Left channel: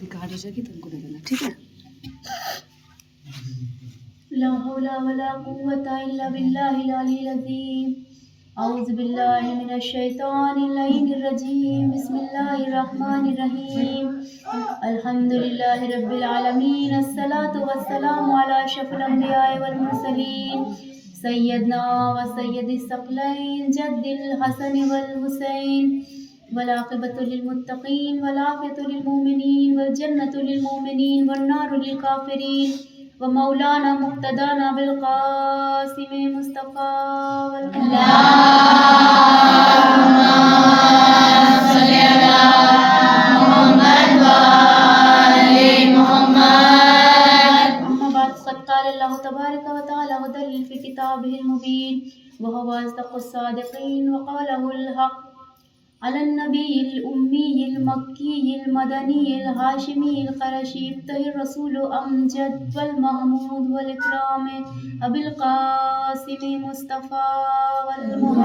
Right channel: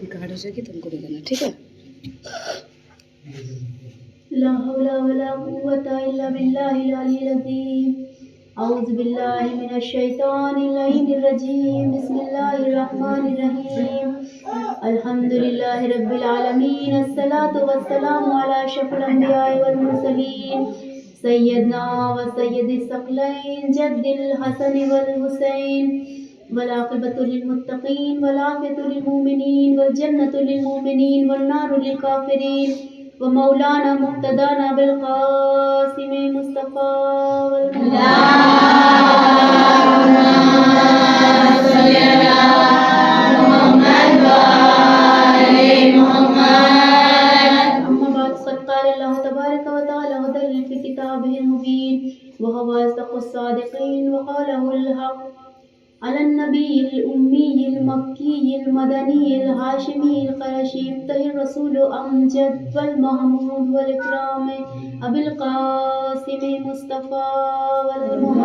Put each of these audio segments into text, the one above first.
Record ہو جائے گی تم کو لگانا، ٹھیک ہے؟ لا حول ولا قوة إلا بالله العلي العظيم. أعوذ بالله من الشيطان اللعين الرجيم. بسم الله الرحمن الرحيم. الحمد لله رب العالمين. الصلاة والسلام على أشرف الأنبياء والمرسلين سيدنا وسيد الثقلين جد الحسن والحسين، والعاقبة للمتقين والعافية للمؤمنين والجنة للمؤمنين والنار للكافرين، ومولانا مقتدانا بالقاسم مصطفى اللهم صل على محمد وآل محمد. أما بعد، قد قال الله تبارك وتعالى هدى في كتابه المبين وهو أصدق الصادقين، وقاله الحق على النبي الأمي المكي المدني الهاشمي القرشي الطاهر الرسول أمجد والمحمود والإكرام أبي القاسم مصطفى اللهم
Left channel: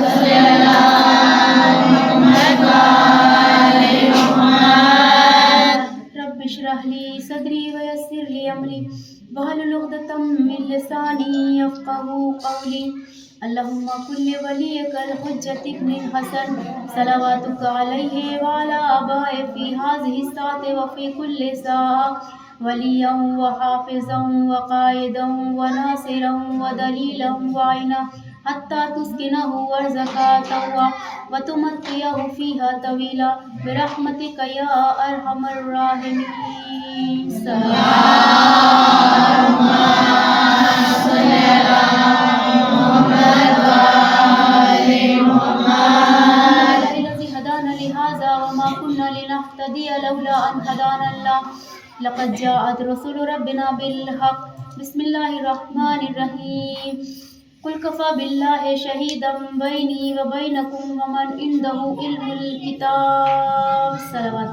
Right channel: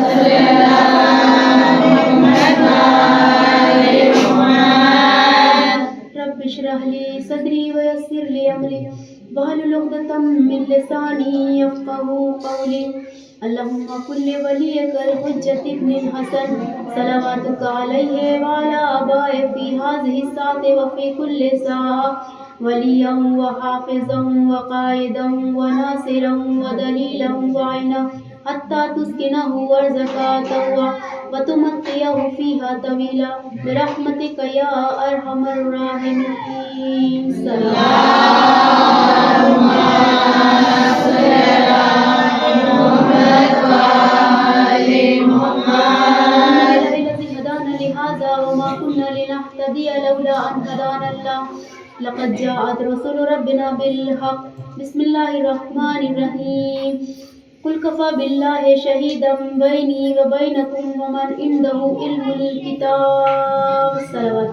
صل على محمد وآل محمد. رب اشرح لي صدري ويسر لي أمري واحلل عقدة من لساني يفقهوا قولي. اللهم كل وليك الحجة ابن الحسن صلواتك عليه وعلى آبائه في هذه الساعة وفي كل ساعة وليا وحافظا وقائدا وناصرا ودليلا وعينا حتى تسكنه أرضك طوعا وتمتعه فيها طويلا برحمتك يا أرحم الراحمين. اللهم صل على محمد وآل محمد. الذي هدانا لهذا وما كنا لنهتدي لولا أن هدانا الله لقد جاءت رسول ربنا بالحق. بسم الله الرحمن الرحيم. قل كفى بالله شهيدا بيني وبينكم ومن عنده علم الكتاب. صلوات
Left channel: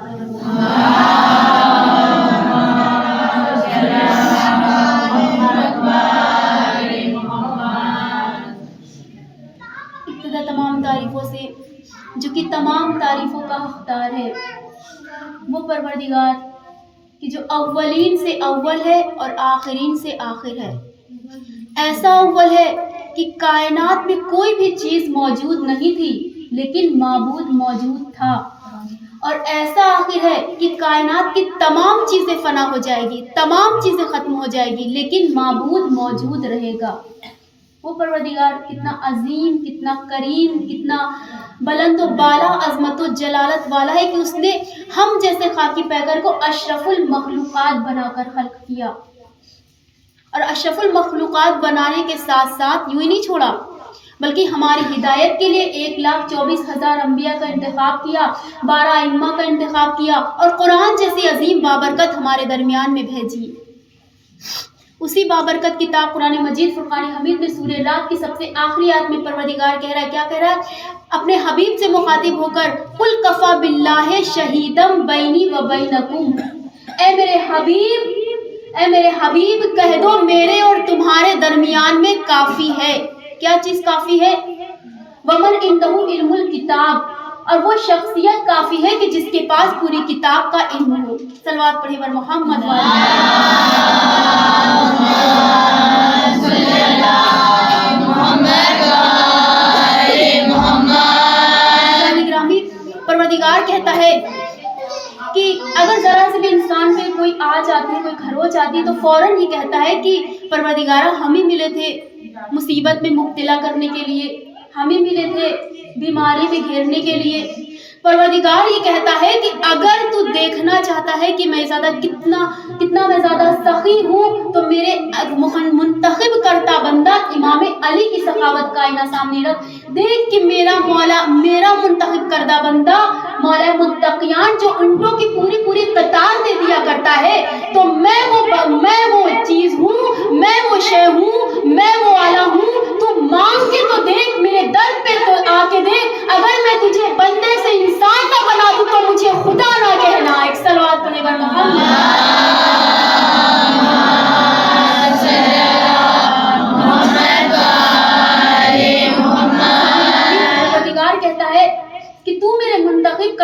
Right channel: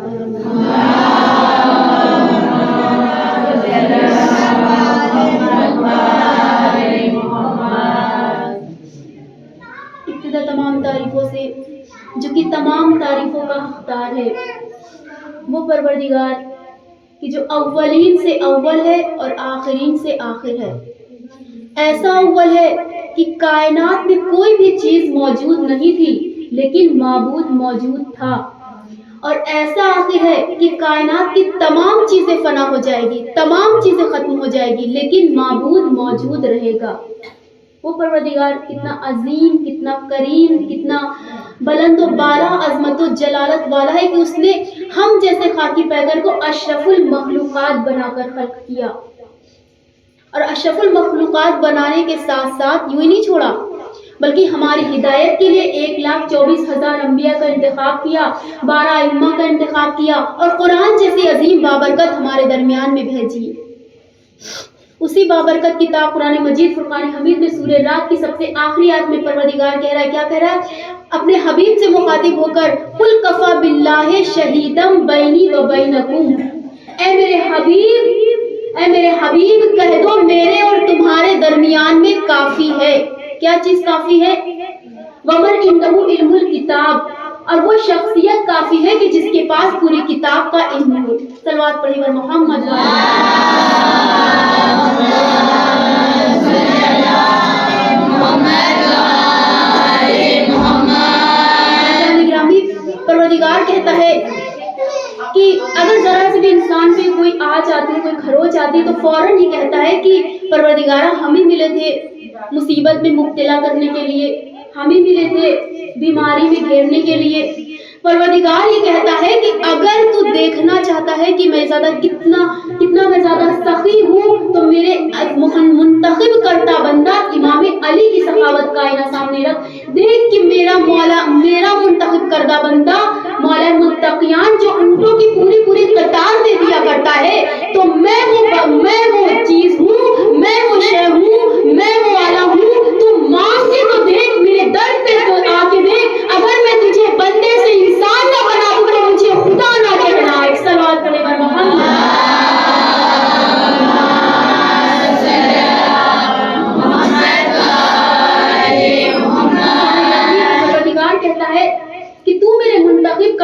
ابتدا تمام تعریفوں سے جو کہ تمام تعریفوں کا حقدار ہے، وہ پروردگار کہ جو اولین سے اول ہے اور آخرین سے آخر ہے. ایسا اول ہے کہ کائنات میں کوئی بھی چیز موجود نہیں تھی لیکن معبود موجود تھا، اور ایسا آخر ہے کہ کائنات کی تمام چیزیں فنا ہو جائے گی، تمام چیزیں ختم ہو جائے گی لیکن معبود موجود رہے گا. وہ پروردگار کتنا عظیم، کتنا کریم، کتنا بلند و بالا عظمت و جلالت والا ہے کہ اس نے ہم جیسے خاکی پیکر کو اشرف المخلوقات بنا کر خلق کیا، اور اشرف المخلوقات بنانے کے ساتھ ساتھ یوں ہی نہیں چھوڑا بلکہ ہماری ہدایت کے لیے 1,24,000 انبیاء کا انتخاب کیا، 12 ائمہ کا انتخاب کیا، اور قرآن جیسی عظیم بابرکت ہمارے درمیان میں بھیجی. اسی بابرکت کتاب قرآن مجید فرقان حمید میں سورہ رات کی سب سے آخری آیت میں پروردگار کہہ رہا ہے، کیا کہہ رہا ہے؟ اپنے حبیب سے مخاطب ہو کر قل کفا باللہ شہیدم بینی و بینکم. اے میرے حبیب کہہ دو میرے اور تمہارے درمیان میں کافی ہے. کیا چیز کافی ہے؟ ومن عنده علم الکتاب، اور وہ شخصیت کافی ہے کہ جس کے پاس پوری کتاب کا علم ہو. صلوات پڑھی بر محمد پروردگار کہتا ہے کہ اگر ذرا سے بھی انسان پہ کوئی آ جاتی ہے، کوئی خروچ آتی ہے تو فوراً یہ کہتا ہے کہ پروردگارہ ہمیں ملے تھے مصیبت میں مبتلا کرنے کے لیے، ہمیں ملے تھے بیماری میں گھیرنے کے لیے. پروردگار یہ کہتا ہے کہ اگر تو دیکھنا چاہتا ہے کہ میں کتنا میں زیادہ سخی ہوں تو میرے منتخب کرتا بندہ امام علی کی سخاوت کا آئینہ سامنے رکھ، دیکھ کہ میرا منتخب کردہ بندہ مولا متقیان جو اونٹوں کی پوری قطار دے دیا کرتا ہے، تو میں وہ چیز ہوں، میں وہ شے ہوں، میں وہ آلہ ہوں. تو مانگ کے تو دیکھ، میرے در پہ تو آ کے دیکھ. اگر میں تجھے بندے سے انسان نہ بنا دوں تو مجھے خدا نہ کہنا. ایک صلوات پڑھے بر محمد. پروردگار کہتا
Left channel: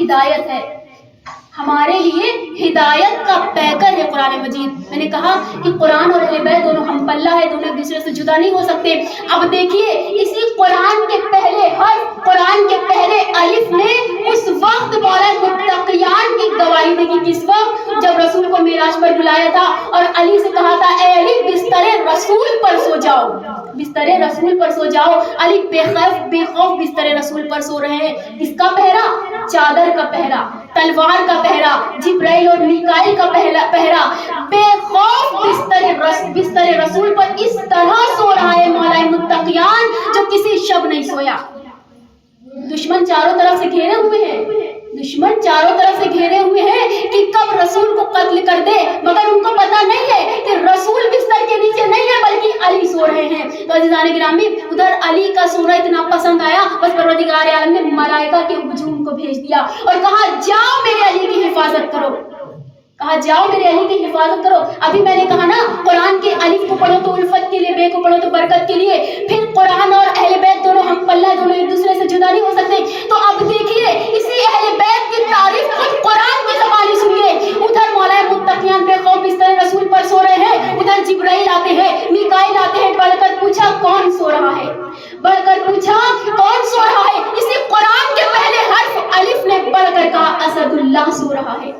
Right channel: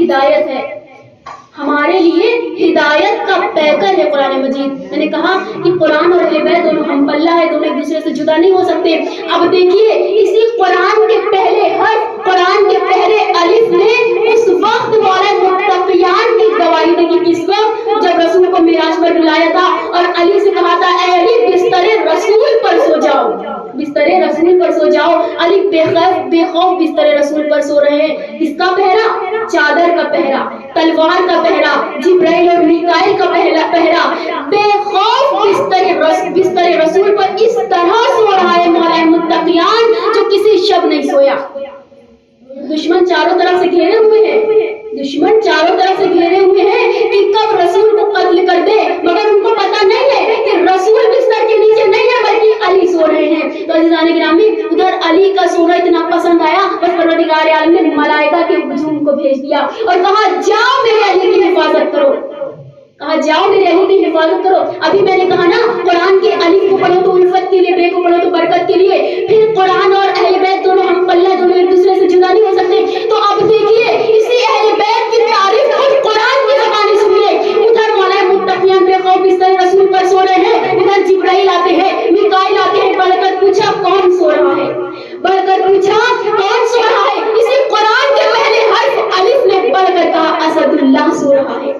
ہدایت ہے، ہمارے لیے ہدایت کا پیکر ہے قرآن مجید۔ میں نے کہا کہ قرآن اور اہل بیت دونوں ہم پلہ ہے، دونوں ایک دوسرے سے جدا نہیں ہو سکتے۔ اب دیکھیے اسی قرآن کے پہلے حرف، قرآن کے پہلے الف نے اس وقت مولا متقیان کی گواہی دی، کس وقت؟ جب رسول کو معراج پر بلایا تھا اور علی سے کہا تھا اے علی بستر رسول پر سو جاؤ، بستر رسول پر سو جاؤ۔ علی بے خوف بستر رسول پر سو رہے ہیں۔ کس کا پہرا؟ چادر کا پہرا، تلوار کا پہرا، جبرائیل اور میکائیل کا پہرا، بے خوف بستر رسول پر اس طرح سو رہا ہے مولا متقیان جو کسی شب نہیں سویا۔ دشمن چاروں طرف سے گھیرے ہوئے ہیں، دشمن چاروں طرف سے گھیرے ہوئے ہیں کہ کب رسول کو قتل کر دے، مگر ان کو پتا نہیں ہے کہ رسول بستر کے نیچے نہیں ہے بلکہ علی سو رہے ہیں۔ تو عزیزان گرامی، ادھر علی کا سونا اتنا پسند آیا، بس پروردگار عالم نے ملائکہ کے ہجوم کو بھیج دیا اور کہا جاؤ میرے علی کی حفاظت کرو، کہا جاؤ میرے علی کی حفاظت کرو۔ ابھی میں نے کہا نا قرآن کے الف کو پڑھو تو الفت کے لیے، بے کو پڑھو تو برکت کے لیے، پھر قرآن اور اہل بیت دونوں ہم پلہ ہے، دونوں ایک دوسرے سے جدا نہیں ہو سکتے۔ تو اب دیکھیے اسی اہل بیت کی تعریف خود قرآن کی زبان سنیے۔ ادھر مولا متقیان بے خوف بستر رسول پر سو رہے ہیں، ادھر جبرائیل آتے ہیں، میکائیل آتے ہیں، بڑھ کر پوچھا کون سو رہا ہے، بڑھ کر پوچھا کون سو رہا ہے۔ اسی قرآن کے پہلے حرف الف نے بڑھ کر کہا اسد اللہ سو رہا ہے،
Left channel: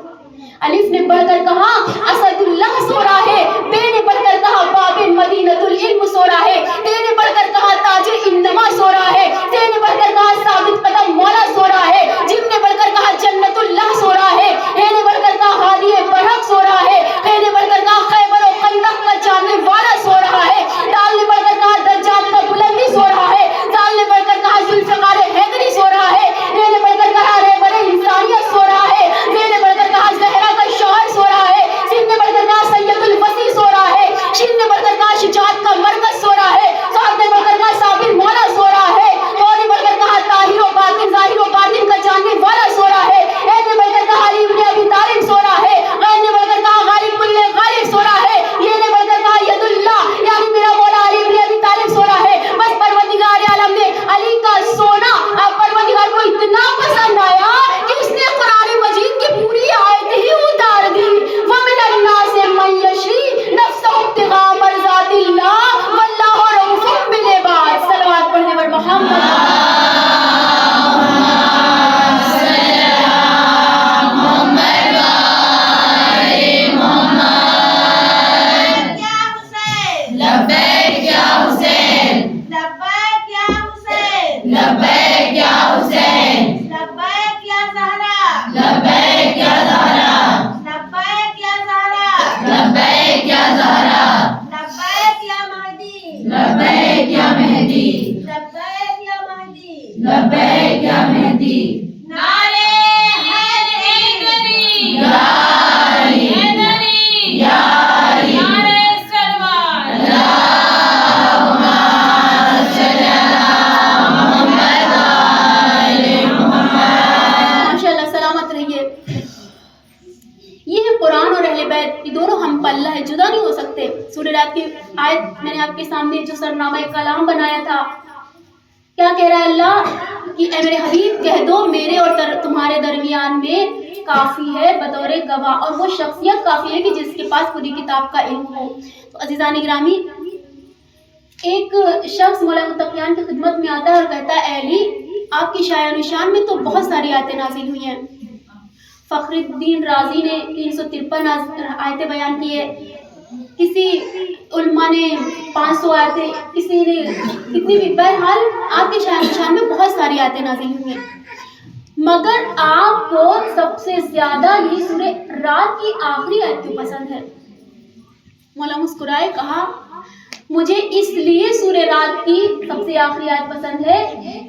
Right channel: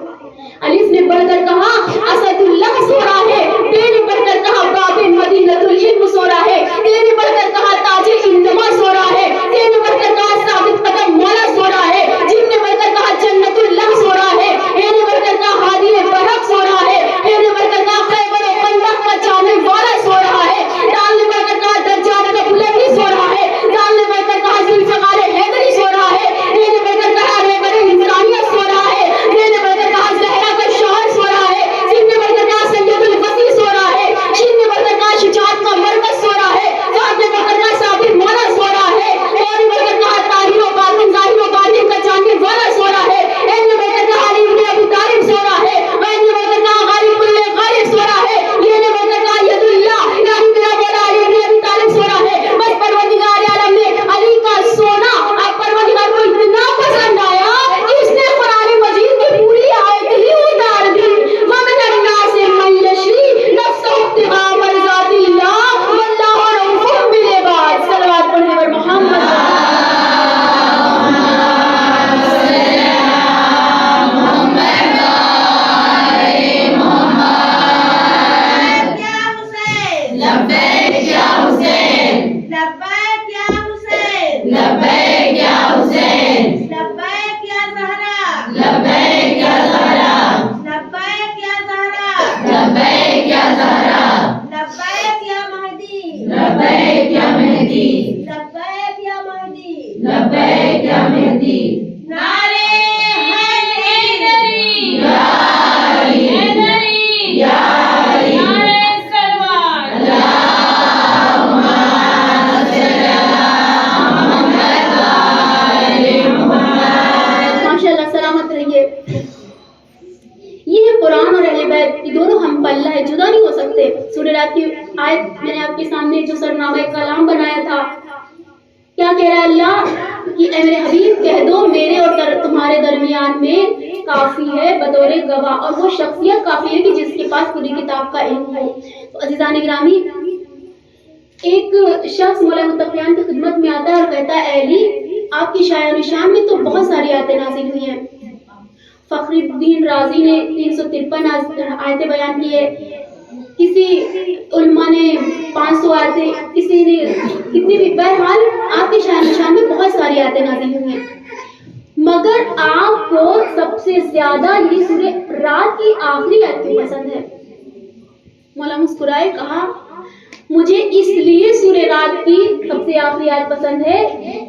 الف نے بڑھ کر کہا اسد اللہ سو رہا ہے، بے نے بڑھ کر کہا باب مدینۃ العلم سو رہا ہے، تے نے بڑھ کر کہا تاج انما سو رہا ہے، تے نے بڑھ کر کہا ثابت قدم مولا سو رہا ہے، جن نے بڑھ کر کہا جنت اللہ سو رہا ہے، ہے نے بڑھ کر کہا ہادی برحق سو رہا ہے نے بڑھ کر کہا خیبر و خندق کا جانے والا سو رہا ہے، دال نے بڑھ کر کہا دجال کا بلندی سو رہا ہے، دال نے بڑھ کر کہا ذوالفقار حیدری سو رہا ہے، نے بڑھ کر کہا رہبر انسانیت سو رہا ہے، نے بڑھ کر کہا زہرا کا شوہر سو رہا ہے، سن نے بڑھ کر کہا سید الوسیع سو رہا ہے، شین نے بڑھ کر کہا شجاعت کا مرکز سو رہا ہے، فاط نے بڑھ کر کہا صابر مولا سو رہا ہے، اور نے بڑھ کر کہا طاہر و باطن ظاہر و باطن کا جاننے والا سو رہا ہے، ایل نے بڑھ کر کہا علی بن ابی طالب سو رہا ہے، غیر نے بڑھ کر کہا غالب کل غالب سو رہا ہے، یہ نے بڑھ کر کہا ید اللہ یعنی میرا مولا علی بن ابی طالب سو رہا ہے۔ بس پروردگار عالم نے علی کا سونا اب پروردگار کو اتنا پسند آیا کہ اس نے قرآن مجید کی پوری آیت ہی اتار دی، وَمِنَ النَّاسِ مَن يَشْرِي نَفْسَهُ ابْتِغَاءَ مَرْضَاتِ اللَّهِ وَاللَّهُ رَءُوفٌ بِالْعِبَادِ۔ صلوات پڑھنے پر محمد آیت میں نے آپ کے سامنے جو سرنامہ کلام بنایا تھا، کیا کہہ رہا ہے اللہ کہ اے میرے حبیب کہہ دو میرے اور تمہارے درمیان میں کافی ہے بطور گواہ، اور وہ شخصیت کافی ہے کہ جس کے پاس پوری کتاب کا علم ہو۔ تو عزیزان گرامی، ایک شخص مولا متقیان کی خدمت میں آتا ہے اور کہتا ہے اے علی آپ کی شاعر و نشان میں تو بہت ساری آیتیں نازل ہوئی ہیں۔ فخر الدین رازی نے 353 آیتیں بیان کی ہے، کسی علماء نے 500 آیتیں، کسی نے کتنی بھی، بہرحال آپ کے شاعر نشان میں بہت ساری آیتیں نازل ہوئی ہیں، مگر آپ کو سب سے زیادہ یہ سورہ رات کی آخری آیت کیوں پسند ہے؟ مولا مسکرائے کہا مجھے اس لیے سورہ رات کی سب سے آخری آیت پسند ہے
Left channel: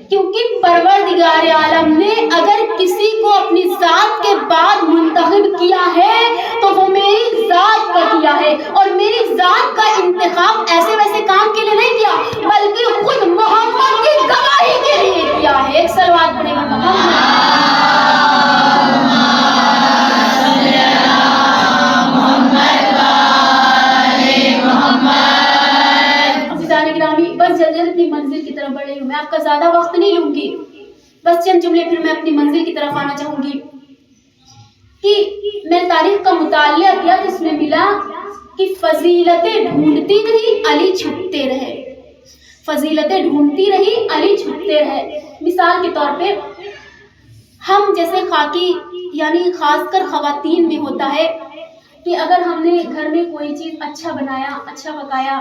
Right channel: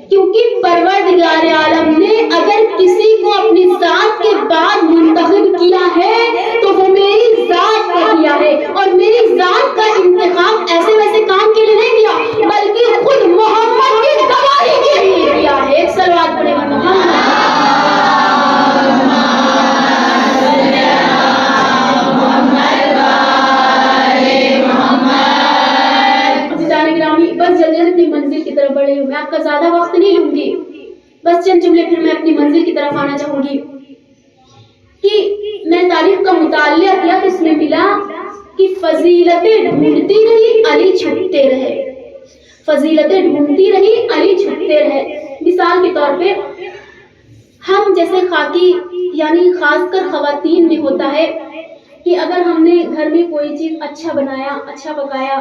کیونکہ پروردگار عالم نے اگر کسی کو اپنی ذات کے بعد منتخب کیا ہے تو وہ میری ذات کا کیا ہے، اور میری ذات کا انتخاب ایسے ویسے کام کے لیے نہیں کیا بلکہ خود محمد کی گواہی کے لیے کیا ہے۔ ایک صلوات پڑھیں محمد۔ بس جلدی اپنی منزل کی طرف بڑھ رہی ہوں، میں آپ کا زیادہ وقت نہیں لوں گی، بس چند جملے پھر میں اپنی منزل منزل کی طرف آنا چاہوں گی کہ میں تاریخ کا مطالعہ کیا تو اس میں ملا کہ فضیلتیں ڈھونڈتی رہی علی چھپتے رہے، فضیلتیں ڈھونڈتی رہی علی چھپتے رہے۔ مثال کے طور پہ ہم جیسے خاکی یعنی خاص کر خواتین میں ہوتا ہے کہ اگر ہم نے گھر میں کوئی چیز اچھا بنایا، اچھا پکایا،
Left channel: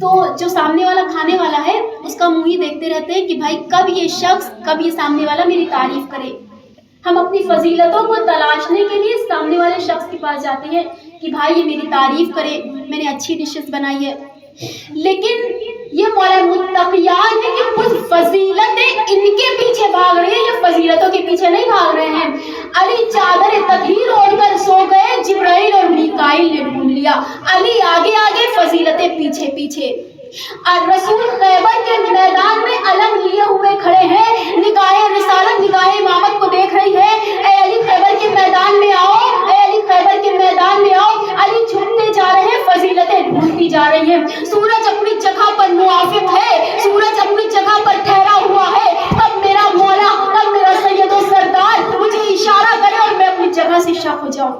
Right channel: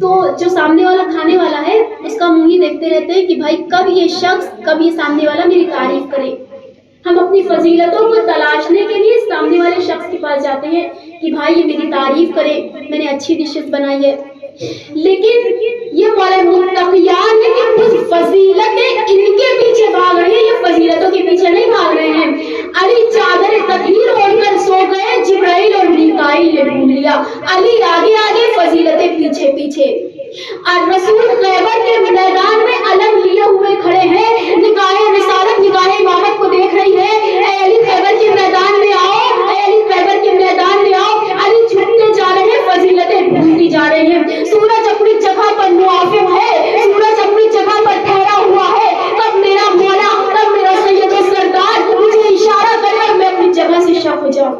تو جو سامنے والا کھانے والا ہے اس کا منہ ہی دیکھتے رہتے ہیں کہ بھائی کب یہ شخص، کب یہ سامنے والا میری تعریف کرے۔ ہم اپنی فضیلتوں کو تلاشنے کے لیے سامنے والے شخص کے پاس جاتے ہیں کہ بھائی یہ میری تعریف کرے، میں نے اچھی ڈشز بنائی ہے۔ لیکن یہ مولا متقیان ہے کہ کچھ فضیلتیں ان کے پیچھے بھاگ رہی ہیں، یہ فضیلتوں کے پیچھے نہیں بھاگ رہے ہیں۔ علی چادر تطہیر اوڑھ کر سو گئے، جبرائیل اور میکائیل نے ڈھونڈ لیا۔ علی آگے آگے، فضیلتیں پیچھے پیچھے۔ اور رسول خیبر کے میدان میں علم لیے ہوئے کھڑے ہیں، نگاہ رسالت، نگاہ امامت کو دیکھ رہی ہے۔ اے علی خیبر کے میدان میں آؤ، اے علی خیبر کے میدان میں آؤ۔ علی چھپتے جا رہے ہیں، فضیلتیں ڈھونڈتی جا رہی ہیں۔ سورج اپنی جگہ پر موافق ہے، سورج اپنی جگہ پر ٹھہرا ہوا ہے۔ اب میرا مولا، اب میرا سید و سردار مجھے اشارہ کرے اور میں اپنی جگہ سے شک ہو جاؤں۔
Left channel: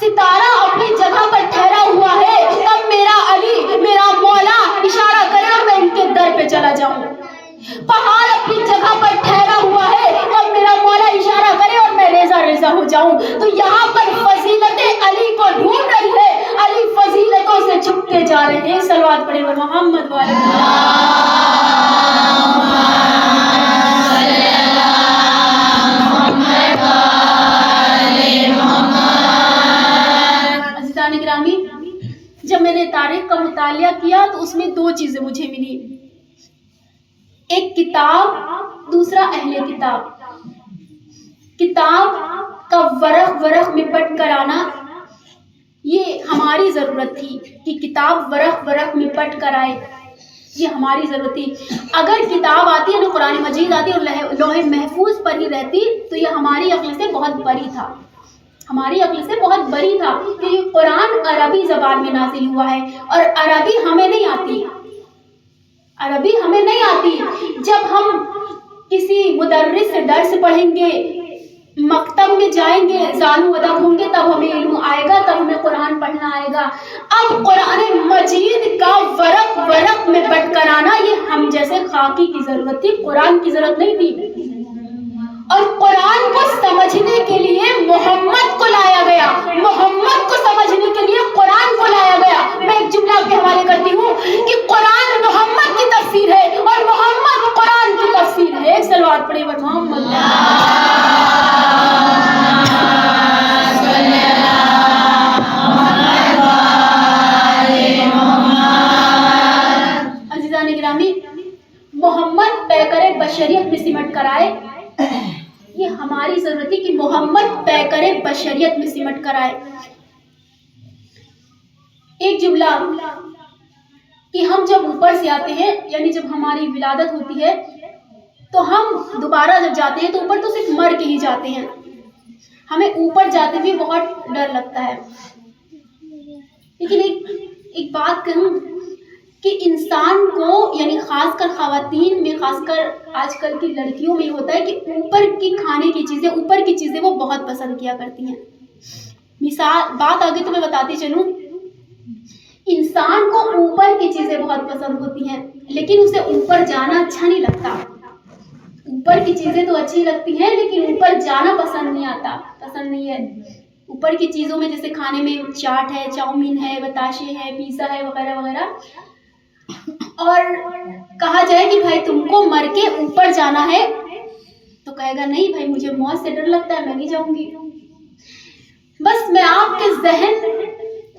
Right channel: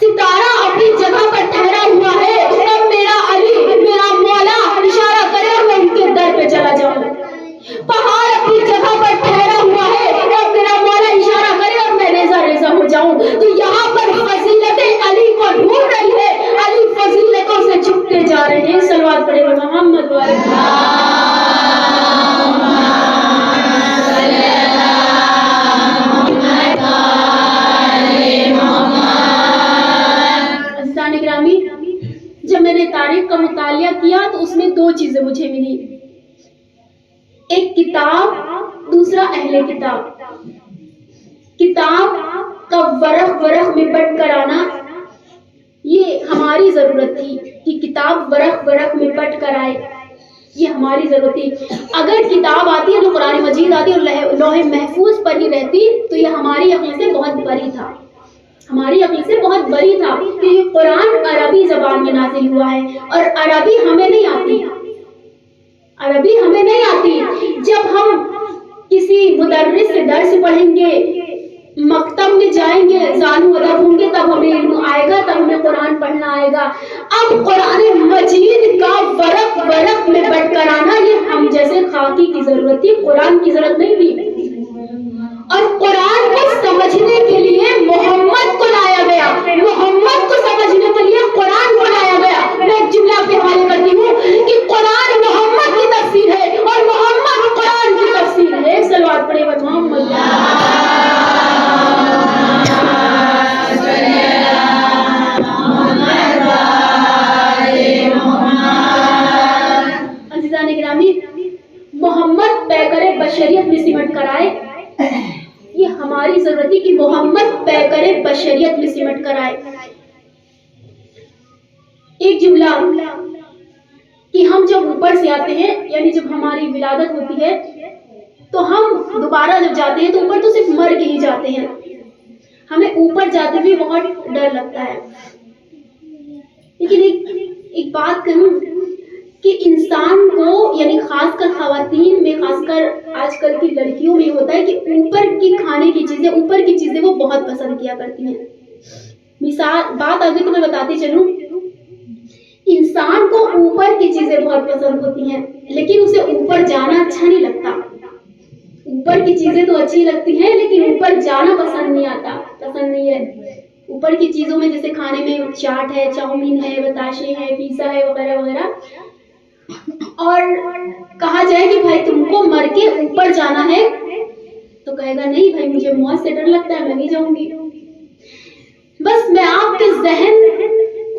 ستارہ اپنی جگہ پر ٹھہرا ہوا ہے، اب میرا علی، میرا مولا اشارہ کرے اور میں ان کے در پہ چلا جاؤں۔ پہاڑ اپنی جگہ پر ٹھہرا ہوا ہے، اب میرا مولا اشارہ کرے اور میں ریزہ ریزہ ہو جاؤں۔ تو یہاں پر فضیلتیں علی کو ڈھونڈ رہی ہے، علی فضیلتوں سے چھپتے جا رہے ہیں۔ صلوات پڑھیں محمد والے گرامی۔ جب میں نے تاریخ کا مطالعہ کیا تو اس میں دو چیزیں مجھے ملی، ایک کتاب، دوسرا اہل کتاب۔ کتاب کا ورق ورق میں پٹ کر آنا یہ ہماری ضرورت تھی کہ کتاب ورق ورق میں پٹ کر آئے، یہ ہماری ضرورت تھی۔ اگر کتاب آتی ہے، جو قرآن مجید آتی اور لوح محفوظ پر ہی رہتی تو یہ ہماری عقل سے بہت بری تھا، ہماری عقل سے بہت بری تھا کہ یہ قرآن عربی زبان میں نازل ہوا ہے اور عربی ہمیں نہیں آتی، عربی ہمیں نہیں آتی۔ جب ہم کسی مدرس سے درس پڑھیں گے، مکتب میں جائیں گے، زانو ادب ہوں گے، تب ہمیں علم آئے گا، تب ہمیں قرآن پڑھنا آئے گا۔ اب قرآن مجید کا ورق ورق میں پٹ کر آنا یہ ہم جیسے خاکی کی ضرورت تھی، قرآن کی ضرورت نہیں تھی۔ اور قرآن کو سمجھنے کے لیے محمد کو لایا گیا، محمد کو سمجھنے کے لیے قرآن کو لایا گیا۔ میں ایک جملہ آپ کے حوالے کرتی ہوں کہ قرآن محمد کی تفسیر ہے اور محمد قرآن کی تفسیر ہے۔ ایک صلوات پڑھیں محمد۔ عزیزان گرامی، محمد پیکر بشریت میں سمٹ کر آئے، یہ ہماری ضرورت ہے کہ محمد پیکر بشریت میں سمٹ کر آئے۔ ایک جملہ کہ ہم جب اوپر سے آتے ہیں، یعنی جب ہماری ولادت ہوتی ہے تو ہم دوبارہ جب جاتے ہیں تو اوپر تو صرف مر کے ہی جاتے ہیں، ہمیں اوپر جاتے ہوئے بہت ڈر لگتا ہے۔ لیکن ایک بات کہوں کہ انسان کو یعنی خاص کر خواتین میں، خاص کر آج کل کی لڑکیوں میں ہوتا ہے کہ اوپر کی کھانے کی چیزیں، اوپر کی چیزیں وہ بہت پسند کیا کرتی ہیں۔ مثال بات آگے تو میں بتاتی چلوں، انسان کو اوپر کی چیزیں بہت پسند ہوتی ہیں لیکن اسے اوپر جانا اچھا نہیں لگتا۔ اوپر کی چیزیں تو اچھی لگتی ہیں لیکن اوپر جانا پسند نہیں آتا، پسند نہیں ہے۔ اوپر کی چیزوں میں جیسے کھانے میں چاٹ ہے، چاؤمین ہے، بتاشے ہے، پیزا ہے وغیرہ وغیرہ، اور کہا جائے کہ بھائی تم کو مر کے اوپر جانا ہے تو کہے گا نہیں بھائی مجھے موت سے ڈر لگتا ہے، میں نہیں جاؤں گی۔ بس میں آپ کے ذہن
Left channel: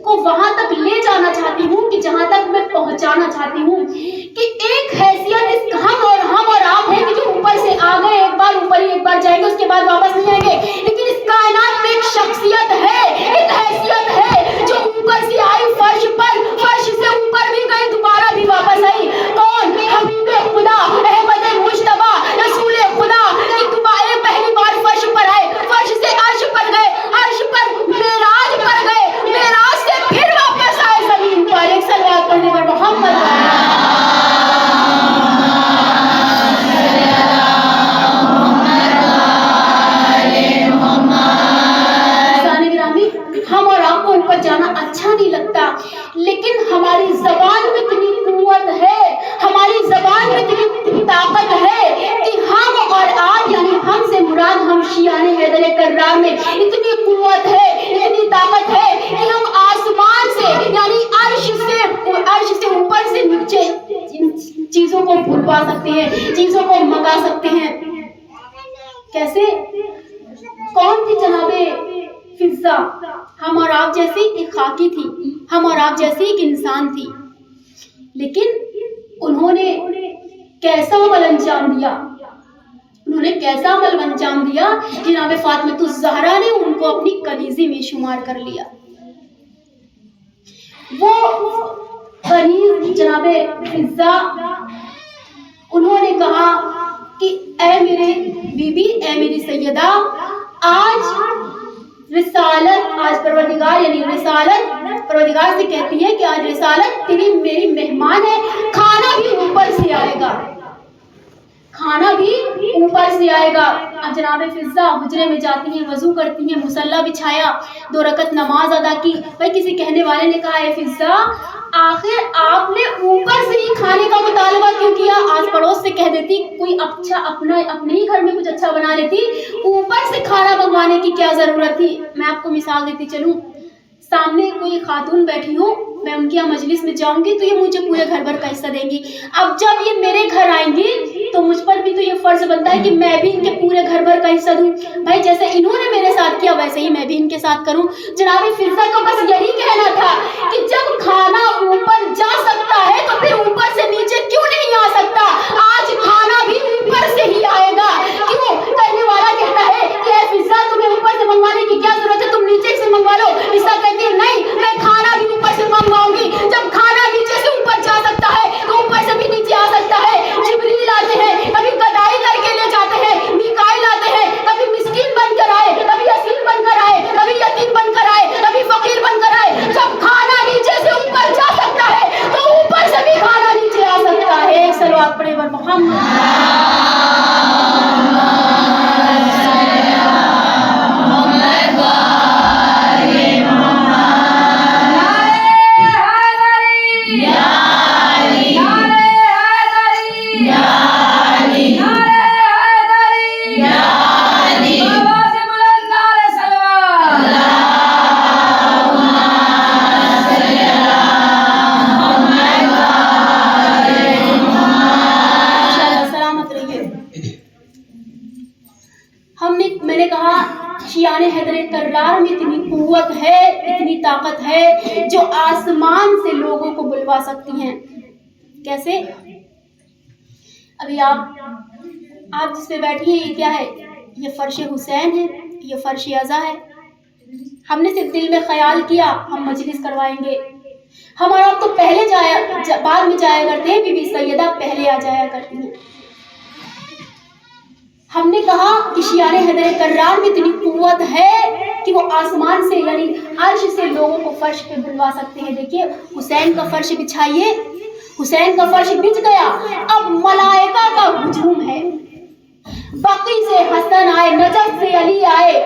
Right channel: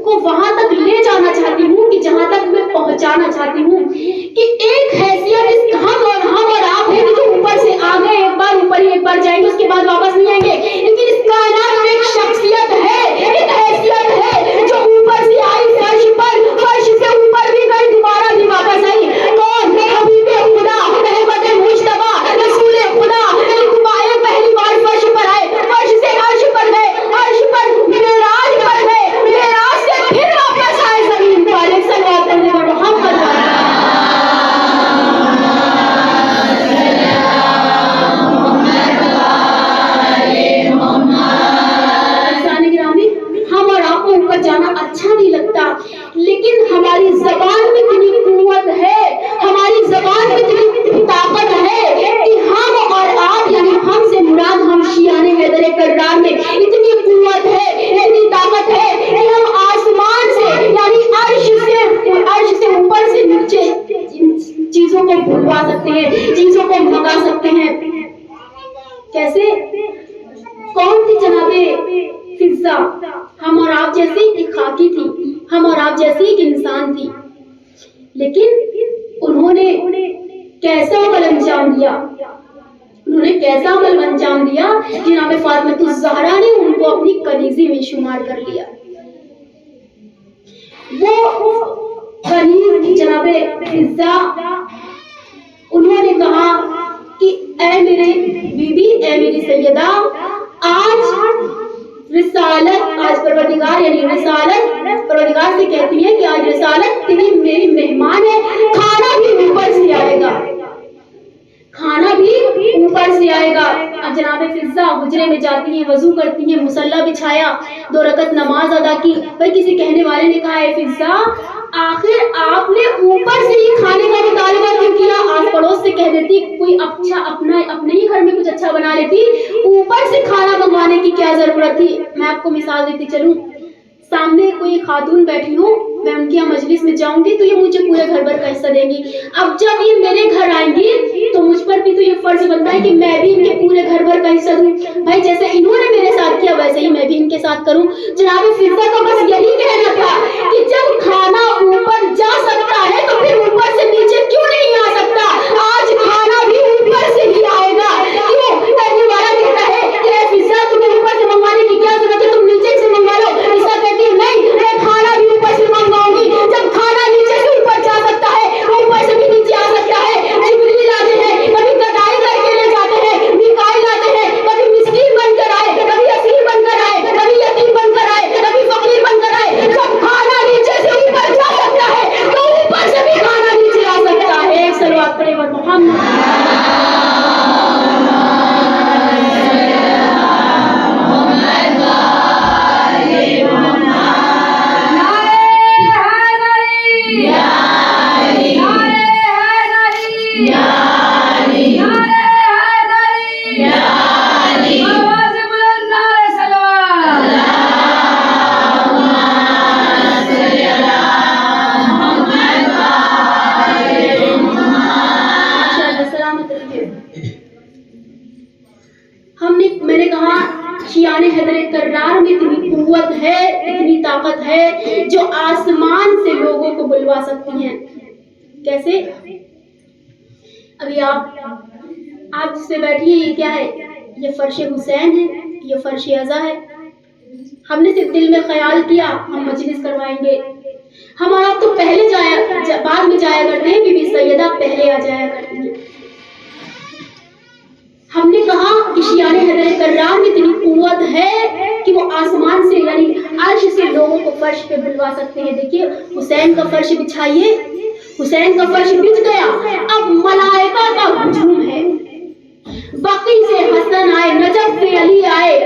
کو وہاں تک لے جانا چاہتی ہوں کہ جہاں تک میں پہنچانا چاہتی ہوں کہ ایک حیثیت ہم اور آپ ہے کہ جو اوپر سے آ گئے، ایک بار اوپر ہی ایک بار جائیں گے، اس کے بعد واپس نہیں آئیں گے۔ لیکن اس کائنات میں ایک شخصیت ہے، ایک حیثیت ہے جو اوپر سے آئی فرش پر، فرش سے اوپر بھی گئی، دوبارہ بھی واپس آئی۔ کون؟ حبیب خدا احمد مجتبیٰ رسول خدا کی دوبارہ پہلی بار فرش پر آئے، فرش سے عرش پر گئے، عرش پر معراج پر گئے، معراج سے پھر واپس آئے زمین پر۔ ایک صلوات پڑھنے پر محمد انہوں نے کیسا عمل انجام دیا، جناب فاطمہ الزہرا نے ان کو اپنی کنیزی میں شمار کر لیا۔ وہ کنیز جناب فضہ انہوں نے کہا کہ اے میرے بیوی، اے میری سیدہ، آج رسالت، آج پروردگار یعنی رسالت پروردگار سے کہتی ہے کہ آج رسالت تیری میری مہمان ہے، کھانا بھی اوپر سے آئے گا، کھانا بھی اوپر سے آئے گا۔ اب جناب فضہ حجرے میں جاتی ہیں، وضو کرتی ہیں، مصلی بچھایا، 2 رکعت نماز ادا کی۔ بھائی کسی کہنے والے نے کہا اے فضہ، آخر آپ نے اوپر سے ہی کھانے کا مطالبہ کیوں کیا؟ آس پڑوس سے کہہ دیتی، کوئی اچھا اپنے ہی گھر میں کچھ اچھا بنا لیتی، اوپر سے کھانا منگوانے کی کیا ضرورت تھی؟ میں آپ کو مثال دیتی چلوں، سامنے کوئی خاتون بیٹھی ہو، میں ان کی یہاں مجلس میں جاؤں گی تو یہ مجھے پورے گھر بھر کا حصہ دیں گی۔ اب جب یہ میرے گھر آئیں گی تو مجھ پر بھی تو یہ فرض بنتا ہے کہ میں بھی ان کے پورے گھر بھر کا حصہ دوں۔ بھائی جیسے انہوں نے میرے ساتھ کیا ویسے ہی میں بھی ان کے ساتھ کروں۔ جناب فضہ کا بس یہی کہنا تھا کہ جب کھانا اوپر جا سکتا ہے تو پھر اوپر سے نیچے کیوں نہیں آ سکتا؟ آج کھانا بھی اوپر سے ہی آئے گا۔ کیوں؟ کہنے والا کہتا ہے کہ اے فضہ تمہیں اوپر سے منگوانے کی کیا ضرورت ہے، تم نیچے سے منگوا لو۔ فضہ کہتی ہے نہیں، میں کھانا بھی اوپر سے منگواؤں گی۔ جب کھانا نیچے سے اوپر جا سکتا ہے تو اوپر سے بھی نیچے آ سکتا ہے۔ جبریل آتے ہیں، کبھی گدائی کر کے لے جاتے ہیں، میکائیل آتے ہیں، کبھی مسکین بن کر آئے، کبھی اسیر بن کر آئے، کبھی یتیم بن کر آئے، کبھی فقیر بن کر آئے۔ جب کھانا نیچے سے اوپر جا سکتا ہے تو اوپر سے بھی کھانا نیچے آ سکتا ہے۔ صلوات پڑھیں ور محمد۔ میں نے کہا شیان حیدر کرار میں اتنی قوت ہے، اتنی طاقت ہے جو آسمان سے لوگوں کو بلوا سکتی ہیں۔ کیسے؟ ابھی آپ جس پہ بیٹھی ہیں یہ کیا ہے؟ یہ فرش حسین ہے، یہ فرش عزا ہے۔ ہم نے صرف دل میں خیال کیا ہم مجلس کروائیں گے۔ ہم اور آپ تو پہلے بعد میں جایا کرتے ہیں، بی بی سیدہ پہلے آ جایا کرتی ہیں۔ ہم نے کہا کہ شیان حیدر کرار میں اتنی قوت ہے کہ وہ آسمان سے یعنی عرش سے لوگوں کو فرش پہ بلوا سکتے ہیں۔ دیکھیے حسین کا فرش بچھائیے، حسین کا فرش بچھ گیا، اب ملائکہ کا ہجوم ہے۔ بقی سے حسن آئے، نجف سے علی آئے،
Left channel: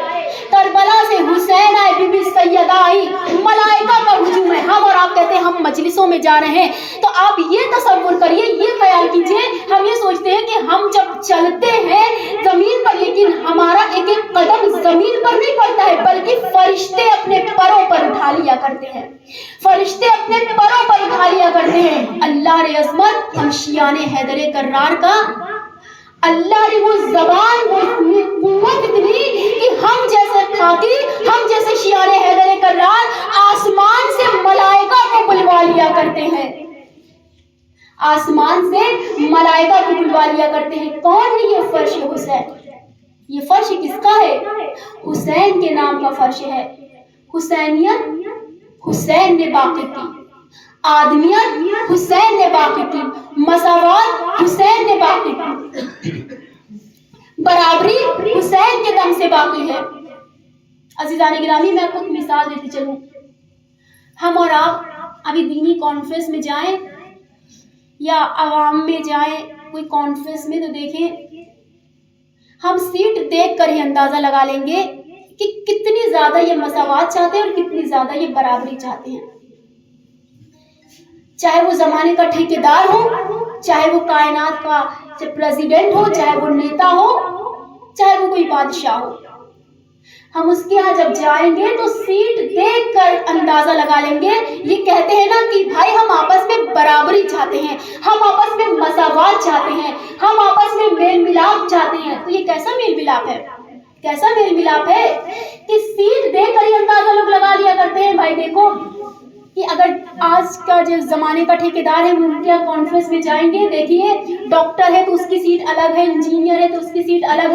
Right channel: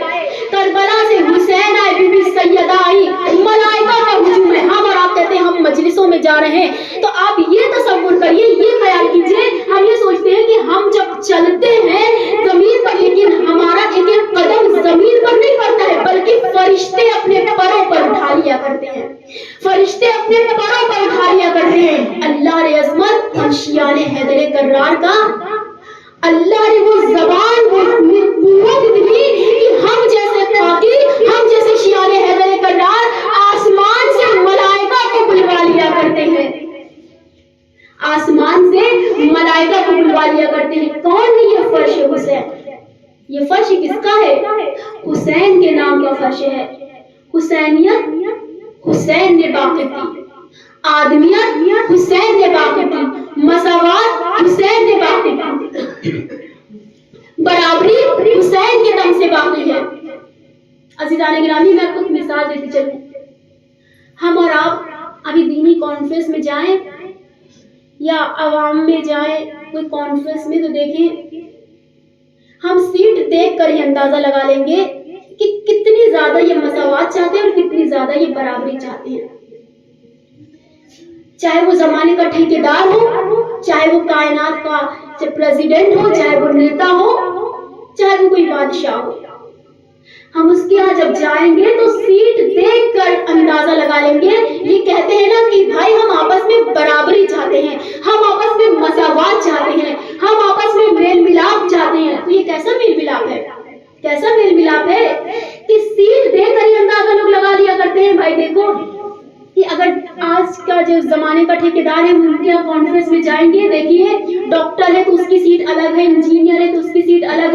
کربلا سے حسین آئے، بی بی سیدہ آئی، ملائکہ کا ہجوم ہے۔ ہم اور آپ کہتے ہیں ہم مجلسوں میں جا رہے ہیں تو آپ یہ تصور کریے، یہ خیال کیجئے، ہم یہ سوچتے ہیں کہ ہم جب چلتے ہیں زمین پر لیکن ہمارا ایک ایک قدم زمین پر نہیں پڑتا ہے بلکہ فرشتے اپنے پروں پر اٹھا لیا کرتے ہیں، فرشتے اپنے پروں پر اٹھا لیا کرتے ہیں۔ اللہ نے عظمت ہم شیان حیدر کرار کا، اللہ نے وہ زبان، وہ قوت اتنی کہ ہم جیسے خاکی، ہم جیسے شیان حیدر کرار آسمان سے ملائکہ کو بلوا لیا کرتے ہیں، آسمان سے ملائکہ کو بلوا لیا کرتے ہیں۔ کون ہے یہ فرش حسین؟ یہ فرش کس کا ہے؟ حسین کے نام کا فرش ہے۔ حسینیت حسین نے باقی کی، آدمیت حسین نے باقی کی، مساوات حسین نے باقی کی، برابری حسین کے دم سے باقی ہے۔ عزیزان گرامی میں آپ کو ایک مثال دیتی چلوں، ہم اور آپ ابھی دینی کانفرنس میں جائیں یا عوام میں جائیں کوئی کانفرنس میں تو دیکھیں ہم سیٹ دیکھ کر ہی اندازہ لگا لیں گے کہ کتنی زیادہ یہ مساوات چاہتے ہیں اور کتنی زیادہ یہ برابری چاہتے ہیں۔ چاہے وہ زمانے کا ٹھیکیدار ہو، چاہے وہ کائنات کا پریزیڈنٹ ہو، چاہے وہ نیتا ہو، چاہے وہ کوئی بادشاہ ہو، ہم اس کے ہاں جب جائیں گے تو سیٹ دیکھ کر اندازہ لگا لیں گے۔ یہ کہتے ہیں نا کہ بھائی ہم آپس میں برابری چاہتے ہیں، ہم آپس میں مساوات چاہتے ہیں، ہم آپس میں میل ملاپ چاہتے ہیں۔ تو یہ کیسا میل ملاپ ہے؟ کیسا میل ملاپ ہے کہ سیٹ دیکھ کر ہی اندازہ لوگ لگا لیا کرتے ہیں۔ بھائی دیکھو کہ اگر آج کا جو زمانے کا ٹھیکیدار ہے وہ ان کے کانفرنس میں جائیں گے، دیکھیے ڈاکٹر ہے تو اس کی سیٹ الگ ہے، انجینئر ہے تو اس کی سیٹ الگ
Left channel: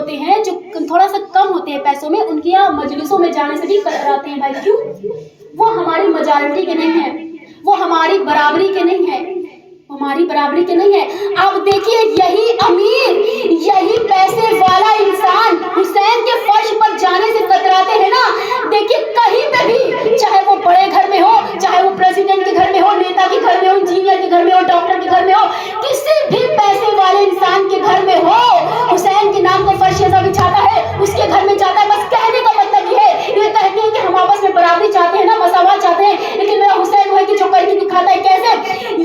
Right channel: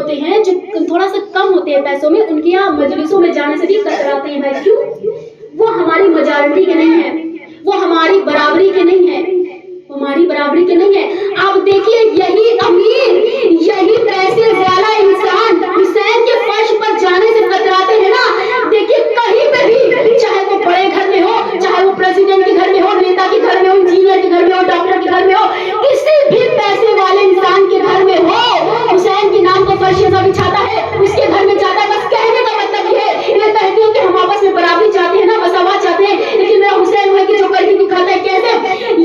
ہوتے ہیں جو تھوڑا سا کم ہوتے ہیں پیسوں میں، ان کے یہاں مجلسوں میں جانے سے بھی کتراتے ہیں بھائی. کیوں؟ وہ ہماری میجارٹی کے نہیں ہیں، وہ ہماری برابری کے نہیں ہیں، ہماری برابری کے نہیں ہے. اب دیکھیے یہی امیر، یہی پیسے والا انسان حسین کے فرش پر جانے سے کتراتے ہیں نا. دیکھیے کہیں پہ بھی، چاہے وہ بڑے گھر میں ہو، چاہے وہ پریزیڈنٹ کے گھر میں ہو، نیتا کے گھر میں ہو، انجینئر کے گھر میں ہو، ڈاکٹر کے گھر میں ہو، کسی بھی پیسے والے انسان کے گھر میں ہو، حسین کے نام کا فرش ایسا بچھاتا ہے، اس کے گھر میں جاتا ہے. بس کہنے کا مطلب یہ ہے، یہ کہتے ہیں کہ ہم آپس میں برابری چاہتے ہیں نا، مساوات چاہتے ہیں، لیکن میرا حسین ہے کہ جو کر کے دکھاتا ہے. کیسے؟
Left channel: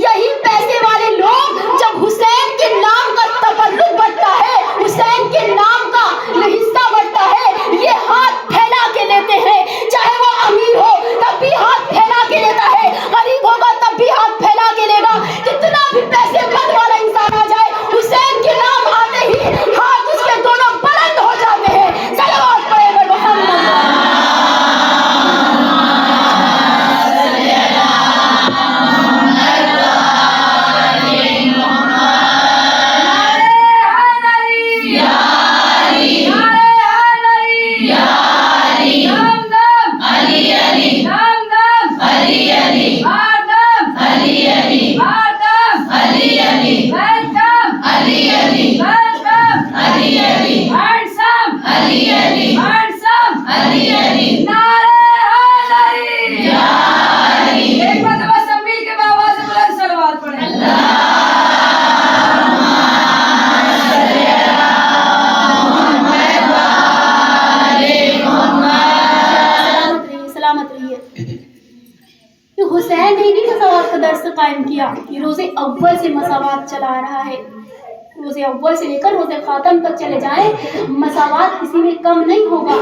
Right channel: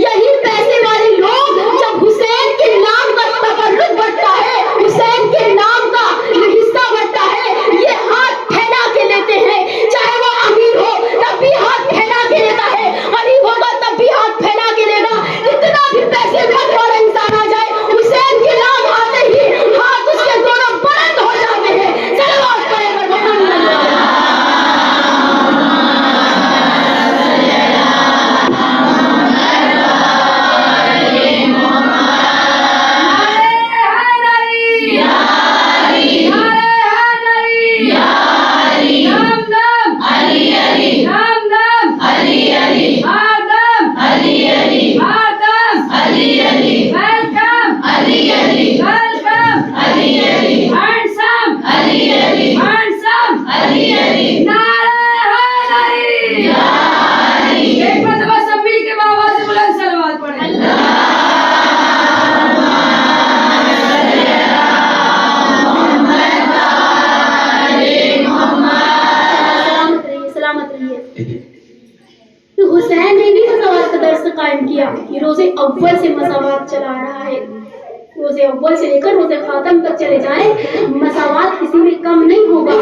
یہی پیسے والے لوگ جب حسین کے نام کا تبرک بڑھتا ہے، حسین کے نام کا یہ حصہ بڑھتا ہے، یہ ہاتھ پھیلا کے لیتے ہیں. چاہے وہ امیر ہو تب بھی ہاتھ پھیلا کے لیتا ہے، غریب ہوگا تب بھی ہاتھ پھیلا کے لے گا. کتنا بھی پیسے مت والا انسان آ جائے، حسین کے نام آتے ہی ہاتھ اس کے دونوں بلند ہو جاتے ہیں. صلوات پڑھے بر محمد. حسین نے نہیں مساوات کا درس قائم کیا، یہ روز اول سے مساوات چلا رہا ہے. روز اول سے لے کر روز خاتم تک چلے جائیں، مساوات کسی میں کم نہیں ہوگا.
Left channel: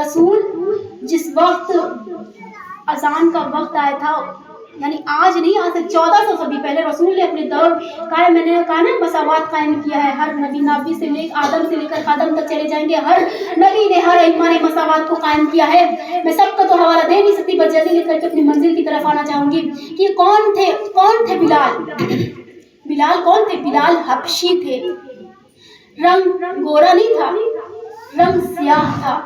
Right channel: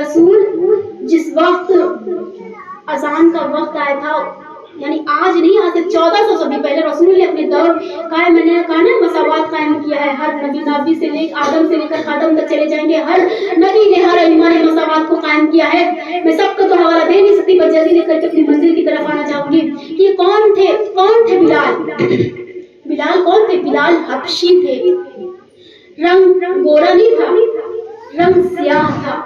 رسول جس وقت اذان کا وقت آیا تھا، یعنی آج نہیں، آج سے 1400 صدی پہلے رسول نے اپنے دور قائم، میں نے کہا نا مساوات قائم کیا ہے. ہر نبی سے لے آدم سے لے کر خاتم تک چلے جائیں گے، ہر نبی نے، ہر ائمہ نے مساوات کو قائم کیا ہے. میں سب کا تو حوالہ دے نہیں سکتی، بس جلدی لے کر کے اپنی منزل کی طرف آنا چاہوں گی کہ یہ کون تھے بلال. بلال کون تھے؟ بلال حبشی تھے. رنگ گورا نہیں تھا، رنگ سیاہ تھا.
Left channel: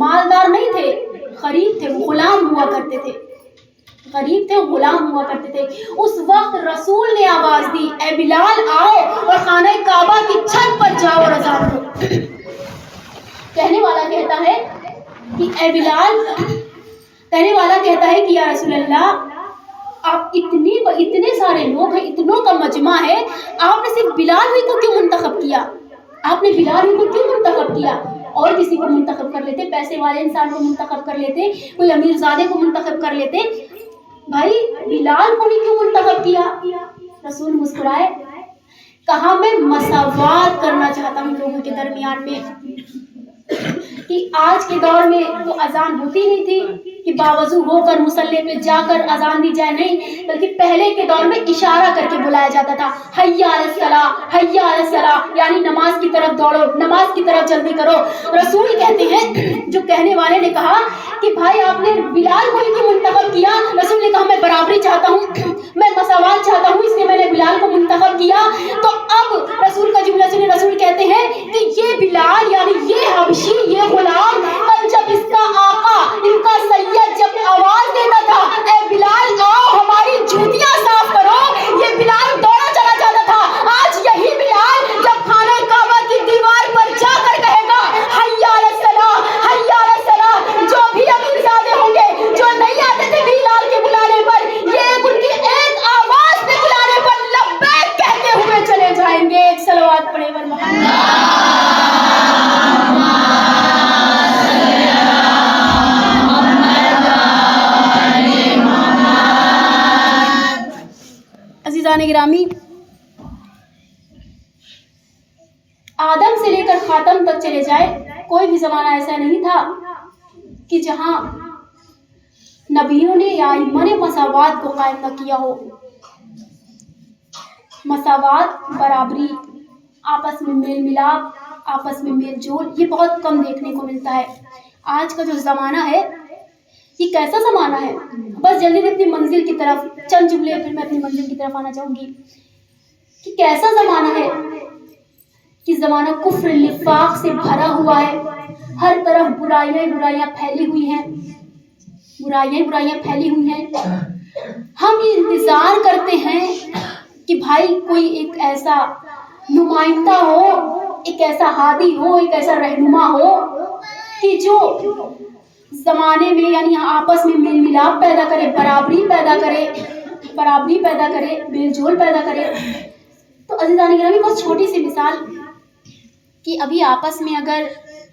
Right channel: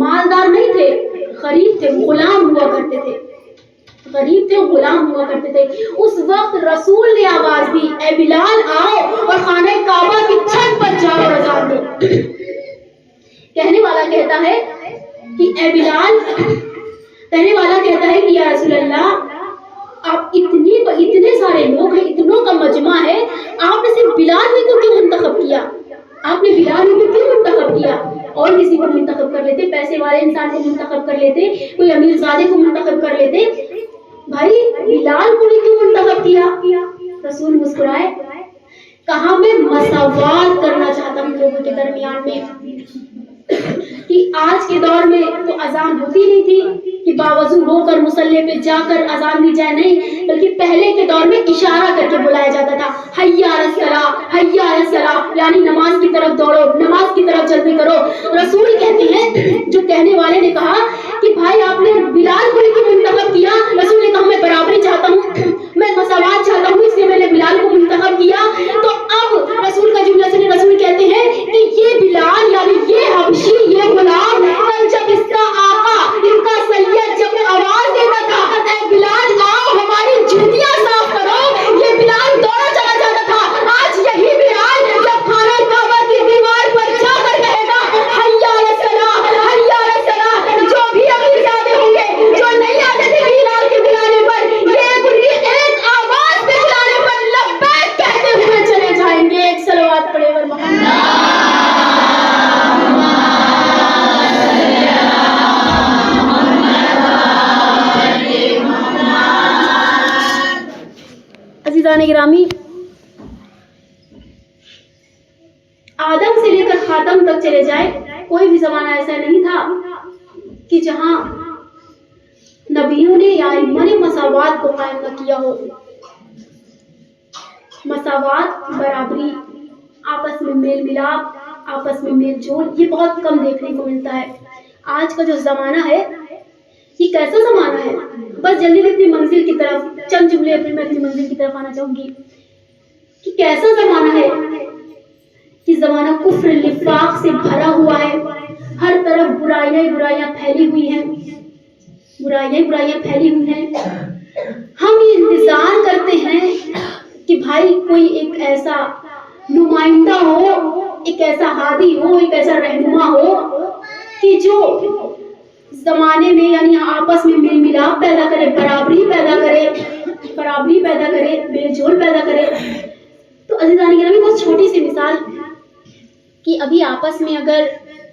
مالدار نہیں تھے، غریب تھے، غلام ہوا کرتے تھے، غریب تھے، غلام ہوا کرتے تھے. اس وقت رسول نے آواز دی، اے بلال آؤ اور خانہ کعبہ کی چھت پر جاؤ اور اذان دو. کہنے والا کہتا ہے کہ اے بلال، کہنے والا کہتا ہے کہ یا رسول اللہ، آپ اتنے سارے لوگ ہیں، اتنوں کا مجمع ہے، آپ نے صرف بلال ہی کو کیوں منتخب کیا؟ آپ نے بلال ہی کو کیوں منتخب کیا؟ اور کسی کو منتخب کر لیتے، پیسے والے انسان کو منتخب کر لیتے، کوئی امیر زادے کو منتخب کر لیتے. بھائی بلال کو ہی کیوں منتخب کیا؟ رسول مسکرائے، کہا میں مساوات کرنا چاہتا ہوں لوگوں کے درمیان میں. کہ آج کے دور میں تو اذان ہوتی نہیں تھی کہ باوضو ہو کر مصلی پہ جا کر اذان دی جائے، نہیں، بلکہ پہلے کے دور میں اشارہ کر کے بلایا جاتا تھا، حی علی الصلاۃ، حی علی الصلاۃ، یعنی نماز کی طرف دوڑو، نماز کی طرف جلدی کرو. رسول کہتے ہیں، جو کہنے والے نے کہا کہ بھائی آپ نے بلال کو ہی کیوں منتخب کیا؟ رسول نے کہا میں برابری چاہتا ہوں، میں مساوات چاہتا ہوں، اس لیے میں نے بلال کو منتخب کیا. تو اب رسول کا جملہ سنے، رسول کہتے ہیں کہ یہ بلال یعنی یہ حبشی، یہ غلام، کل جب اس کا آقا، ان کا سید جب آواز دیتا تھا اے بلال آؤ ہماری جوتیاں صاف کرو، یہ بلال دوڑا چلا جاتا تھا. آج یہی بلال جب خانہ کعبہ کی دیوار پر جا کر کہے گا حی علی الصلاۃ، حی علی الصلاۃ، جو بھی امیر زادے ہوں گے جو نہیں آتے تھے بلال کے بلانے پر، یہ ان کی ایک آواز پہ بلانے پر لبیک کہتے ہوئے چلے جائیں گے. ایک صلوات پڑھے بر محمد. عزیزان گرامی، آدم سے لے کر خاتم تک چلے جائے، کوئی بھی زمانہ ایسا نہیں تھا کہ جہاں نبیوں نے یا ائمہ نے مساوات کو قائم نہ کیا ہو. مساوات، برابری، آپس میں میل ملاپ، آپس میں میل جول، یہ بہت کم دیکھنے کو ملتا ہے. آج کا جو زمانہ ہے یہ کیسا زمانہ ہے؟ بس جلدی سے اپنی منزل کی طرف چند جملے، پھر میں اپنی منزل کی طرف آنا چاہوں گی کہ کیسا زمانہ ہے کہ زمانہ کفر نفاق سے بھرا ہوا ہے، ہر طرف برائیاں پھیلی ہوئی ہیں، برائیاں پھیلی ہوئی ہیں. ہم یہ انتظار کرتے ہیں کہ بھائی کوئی ایک ایسا نمائندہ ہو، ایک ایسا ہادی ہو، ایک ایسا رہنما ہو کہ جو زمانے میں یعنی آپس میں میل ملاپ پیدا کرے، برابری پیدا کرے، میل جول پیدا کرے. تو عزیزان گرامی، بہت چھوٹی سی مثال کہ ابھی آپس میں اگر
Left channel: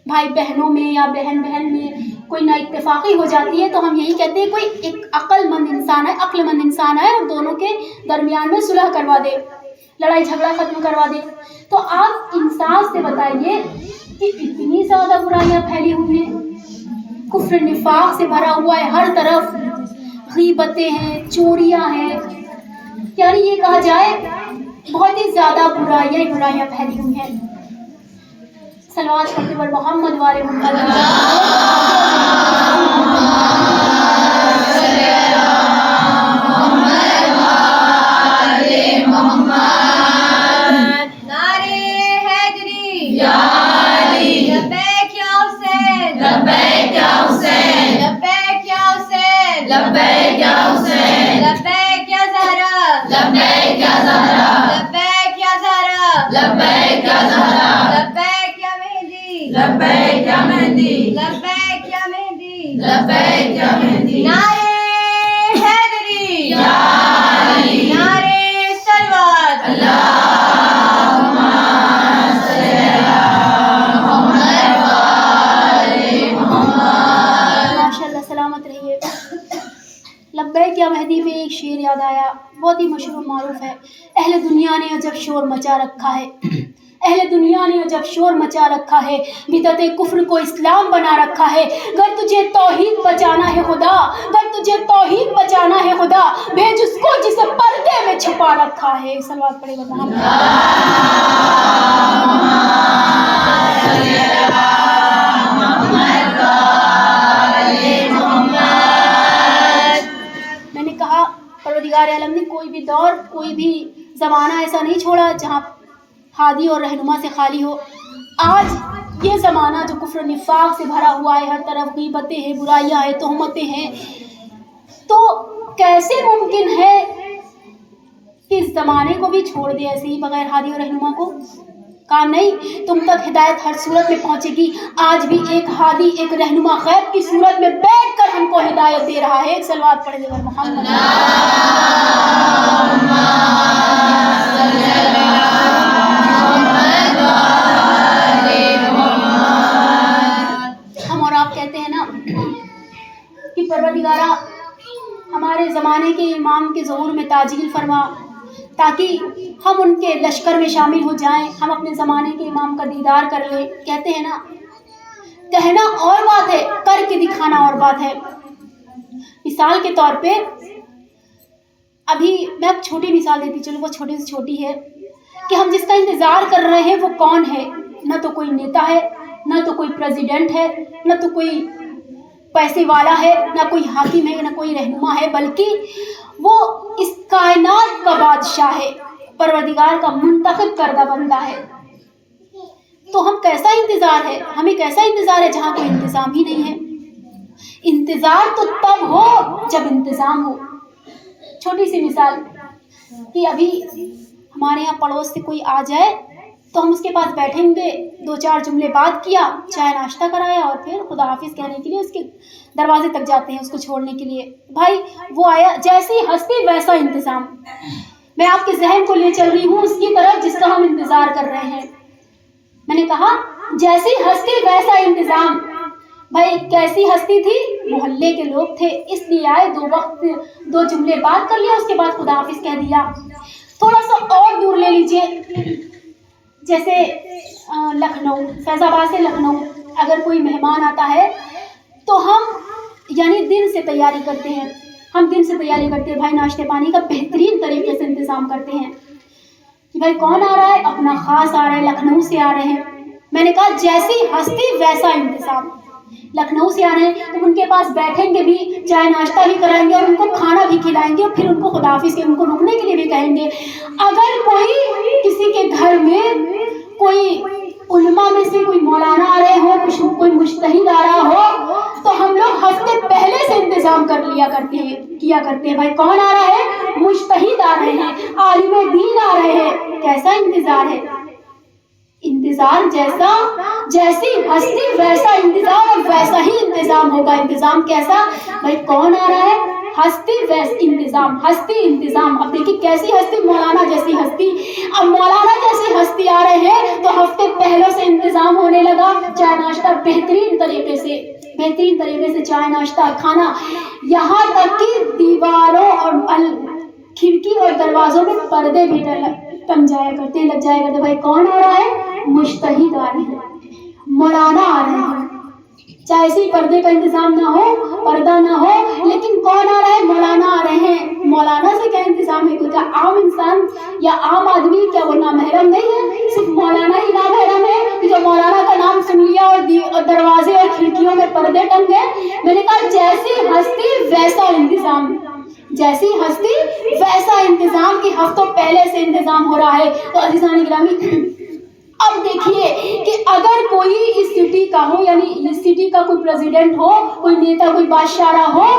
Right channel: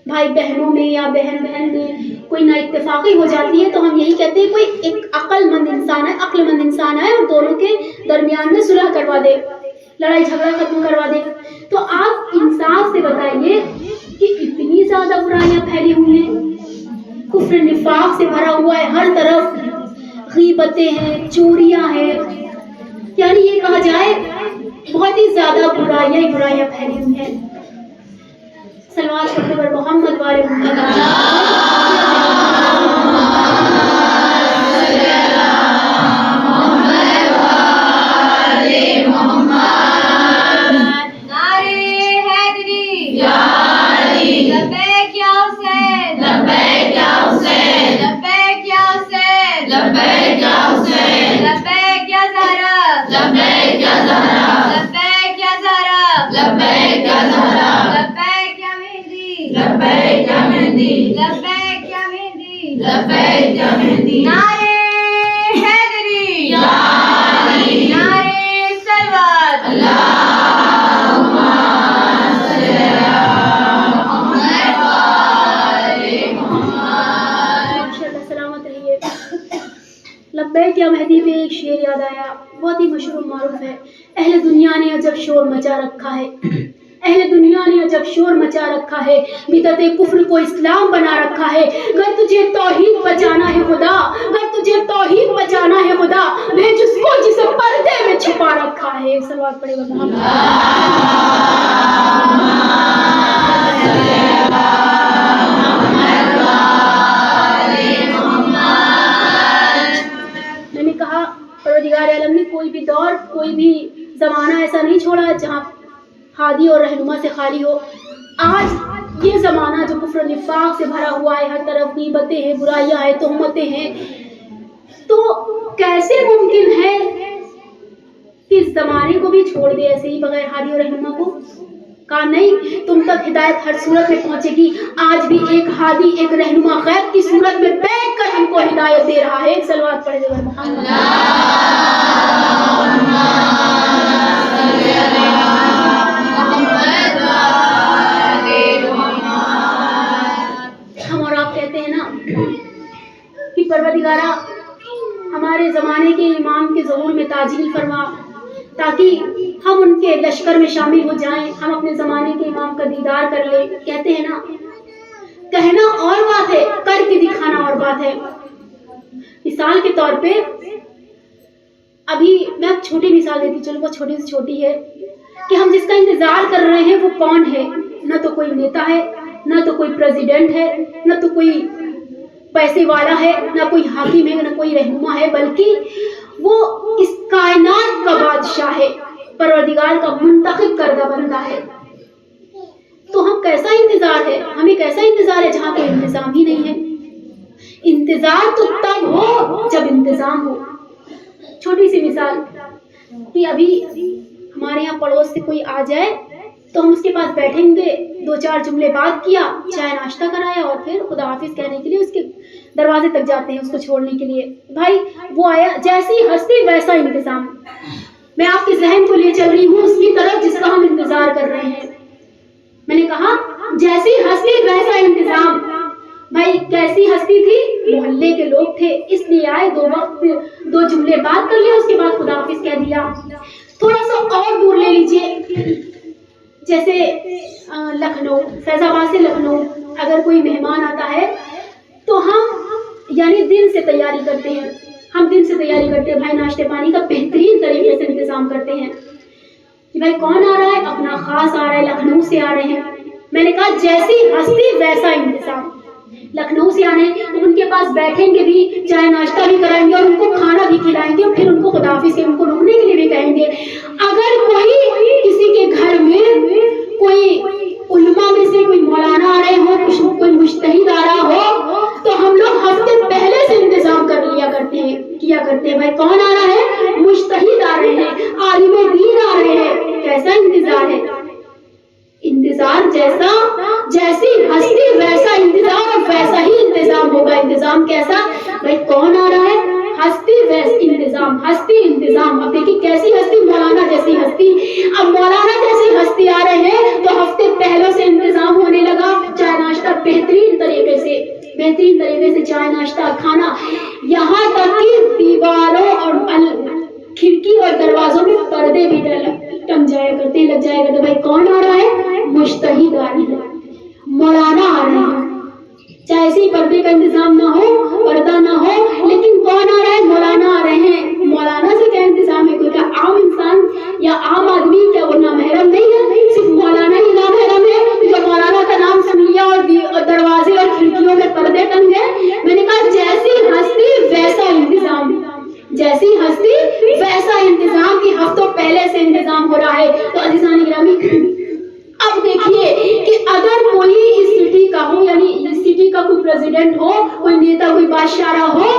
بھائی بہنوں میں یا بہن میں کوئی نا اتفاقی ہو جاتی ہے تو ہم یہی کہتے ہیں کوئی ایک عقل مند انسان ہے اور دونوں کے درمیان میں صلح کروا دے، لڑائی جھگڑا ختم کروا دے. تو آپ انصاف سے بتائیے کہ اتنی زیادہ برائیاں پھیلی ہوئی ہیں، کفر نفاق سے بھرا ہوا ہے، ہر طرف غیبتیں ہیں، چوریاں ہیں، یعنی یہ کہا جائے بہت ہی زیادہ برائیاں پھیلی ہوئی ہیں. صلوات پڑھتے پر محمد والے محمد. لبیک یا مہدی پہ ایک شعر یاد آیا، بہت ہی مشہور و معروف ہے. اہل دنیا نے عجب شور مچا رکھا ہے، اہل دنیا نے عجب شور مچا رکھا ہے، بدعت کفر کو اسلام بنا رکھا ہے. گر تجھے توحید بچانا ہے خدا، گر تجھے توحید بچانا ہے خدا، بھیج اس کو جسے پردے میں چھپا رکھا ہے. صلوات پڑھے گا محمد. میں نے کہا پروردگار عالم نے کوئی بھی دور، کوئی بھی زمانہ ایسا نہیں چھوڑا جہاں ہادی اور رہنما سے خالی ہو. آج یہ زمانہ جو کفر نفاق سے بھرا ہوا ہے، ہر طرف غیبتیں ہیں، برائیاں ہیں، تہمتیں ہیں، تو کیسے ممکن ہے کہ اس زمانے کو بھی چھوڑ دے ایسے ہی بغیر ہادی اور رہنما کو؟ کہا نہیں، تم تک ہدایت ہر صورت میں پہنچے گی. آج بھی ایک ہادی، ایک رہنما غیب کی صورت میں بیٹھ کر ہم کو ہدایت دے رہا ہے. صلوات پڑھے گا محمد. ہم اور آپ کہتے ہیں نا کہ پروردگارہ ہمارے زمانے کے امام کے ظہور میں تعجیل فرما تاکہ ہم ان کے لشکر میں شامل ہو جائیں، ہم اپنے زمانے کے امام کا دیدار کر لیں. کہتے ہیں نا، کہنا اور بات ہے، کر کے دکھانا اور بات ہے. مثال کے طور پہ ابھی میں ایک چھوٹی مثال دیتی، چلو وہ چھوٹی سے چھوٹی ہے کہ ہم جس کا انتظار کر رہے ہیں وہ کون ہے؟ نہ تو کوئی نیتا ہے، نہ تو کوئی پریزیڈنٹ ہے، نہ تو کوئی پیسے والا ہے، نہ کوئی حاکم ہے، نہ کوئی رہنما ہے، بلکہ وہ اس کائنات کا بادشاہ ہے، پروردگار کا منتخب کردہ بندہ ہے. تو ہم کیسا انتظار ہے، ہمیں کیسا انتظار ہے جہاں کوئی انتظام ہی نہیں ہے. انتظار تو تب ہو جب انتظام ہو. چھوٹی سی مثال کہ ابھی ہمارے یہاں پڑوس سے کوئی آ جائے تو ہم اس کے پاس بیٹھیں گے، 2-4 جملے بات کیا، چائے ناشتہ کرایا اور پھر خدا حافظ کہنے کے لیے اس کے دروازے تک جاتے ہیں اس کو چھوڑنے کے لیے. بھائی وہ آیا، جیسی ہستی ویسا انتظام. میں آپ کے ذہن کو لے چل رہی ہوں اس کی طرف جس کا ہم انتظار کر رہے ہیں. میں نے کہا جیسی ہستی ویسا انتظام. بھائی کیسی ہستی تھی؟ محلے کے لوگ تھے، اس لیے آئے، 2 وقت 2 جملے بات کر لیا، اس کے بعد خدا حافظ کہہ دیا. تھوڑا سا اور دور لے لیجئے، جیسے لکھنؤ، فیض آباد سے لکھنؤ اگر کوئی مہمان آتا ہے تو ہم یعنی دن سے تیاری کرتے ہیں، بھائی ناشتے پانی کا بہترین طریقے سے انتظام کرتے ہیں کہ بھائی کون آ رہا ہے، اپنا خاص آ رہا ہے، لکھنؤ سے آ رہے ہیں. میں نے کہا جیسی ہستی ویسا انتظام. لکھنؤ سے آ رہے ہیں تو ان کے پاس بیٹھیں گے بھی، چائے ناشتہ بھی کرائیں گے اور ان کو کھانا بھی کھلائیں گے اور پھر ان کو خداحافظ کے ان کو رکنے کے لیے بھی کہیں گے. اگر کوئی کسی کے گھر میں کوئی علماء میں سے کوئی مولانا آ رہے ہو, کوئی مجتہد آ رہا ہو, تو ہم لوگ ہفتے پہلے سے انتظام کیا کرتے ہیں. بھائی کون آ رہا ہے؟ مجتہد آ رہے ہیں, عالم دین آ رہے ہیں. کیسا انتظار ہے؟ انتظار جیسی ہستی ویسا انتظام, اور ویسا ہی انتظام ہوگا. انتظام کیسا؟ بھائی کون آ رہا ہے؟ ہستی ویسی انتظام, ہستی انتظام. اب دیکھیے کیسی ہستی؟ مولانا جیسی ہستی. اب مولانا جیسی ہستی آ رہے ہیں تو ہفتے پہلے سے انتظام ہونے لگا. چائے ناشتہ بہترین طریقے سے چائے ناشتہ کھانا, یہاں تک کہ دیواروں اور کھڑکی اور دروازوں میں پردے بھی لگ جایا کرتے. بھائی کون آ رہا ہے؟ مجتہد آ رہے ہیں, مولانا آ رہے ہیں. چاہے اسی پردے کا انتظام نہ ہو, پردہ نہ ہو, لیکن کون آ رہا ہے؟ مولانا آ رہے ہیں. مولانا سے کیا انتظام ہے؟ کوئی کیا عام انسان یا عام آدمی کیا وہ نامحرم نہیں ہے؟ صرف مولانا ہی نامحرم ہے جو مولانا کا نام سن لیا اور دروازے اور کھڑکیوں میں پردے ٹنگ گئے. میں نے کہا جیسی ہستی ویسا انتظام, جیسی ہستی ویسا انتظام کی ہفتوں پہلے سے انتظام ہو رہا ہے. تو عزیزان گرامی, اب دیکھیے کہ اگر کوئی اس سٹی کا ہو, یعنی اس سٹی کا کوئی پریزیڈنٹ ہو, کوئی نیتا, کوئی بادشاہ ہو,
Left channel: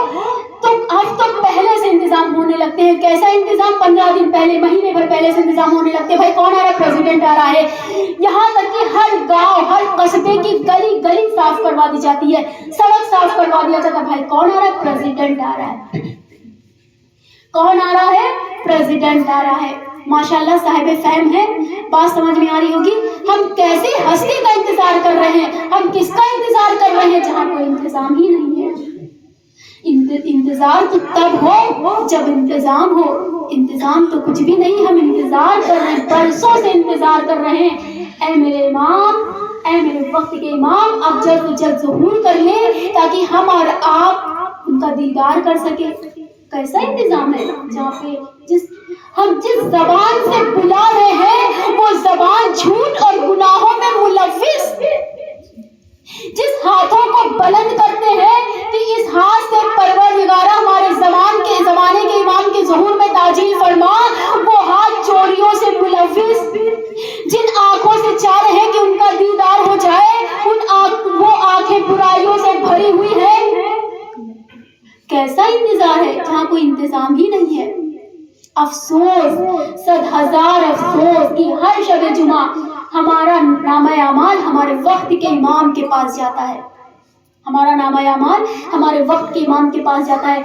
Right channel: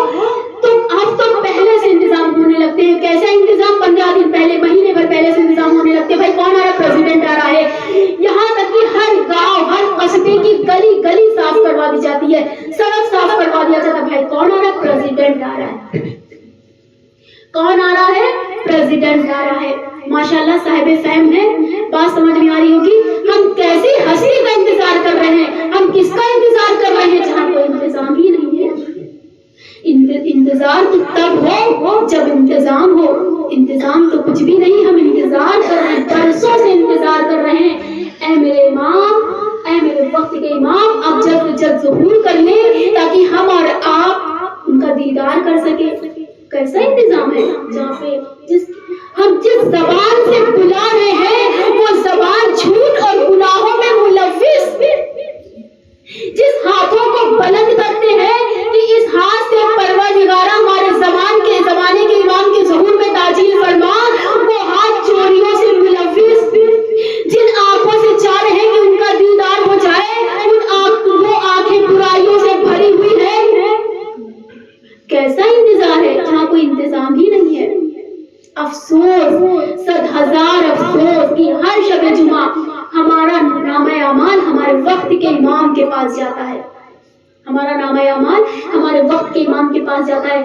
تو ہفتوں پہلے سے انتظام ہونے لگتے ہیں. کیسا انتظام؟ 15 دن پہلے, مہینے بھر پہلے سے انتظام ہونے لگتے ہیں. بھائی کون آ رہا ہے؟ پریزیڈنٹ آ رہا ہے. یہاں تک کہ ہر گاؤں, ہر قصبے کی گلی صاف کروا دی جاتی ہے, سڑک صاف کروا دیا جاتا ہے. بھائی کون آ رہا ہے؟ پریزیڈنٹ آ رہا ہے. کون آ رہا ہے؟ پریزیڈنٹ آ رہا ہے. ماشاءاللہ صاحب فہم ہے, بات سمجھ میں آ رہی ہوگی. ہم کیسی ہستی کا انتظار کر رہے ہیں, ہم کس کا انتظار کر رہے ہیں جہاں کوئی انتظام ہی نہیں ہے. انتظار تو تب ہو جب انتظام ہو. انتظام تو کچھ بھی نہیں, ہم انتظار کر رہے ہیں, برسوں سے انتظار کر رہے ہیں. اے میرے امام, اے میرے وقت کے امام, اب جلد سے جلد ظہور کر لیں تاکہ ہم اور آپ ان کا دیدار کر سکیں. کیسا انتظام ہے جہاں پہ ہم جس زبان سے بلا رہے ہیں وہ زبان جھوٹ اور گناہوں میں ملوث, جس ہاتھوں کو بلند کرتے ہیں کہ اس ہاتھ سے پروردگارہ ہمارے زمانے کے امام کے ظہور میں تاجیل فرما, وہ ہاتھ چوریوں سے ملوث, جن آنکھوں سے چاہ رہے ہیں کہ ان کا دیدار ہو جائے, وہ آنکھیں برائیوں سے بھری ہوئی ہے. کیسا انتظار ہے جہاں کوئی انتظام ہی نہیں ہے. افسوس, 100,000 افسوس کہ ہر شب جمعہ ہمارا نامہ اعمال ہمارے وقت کے امام کے پاس جاتا ہے. ہمارا نامہ اعمال ہمارے وقت کے امام کے پاس جاتا ہے.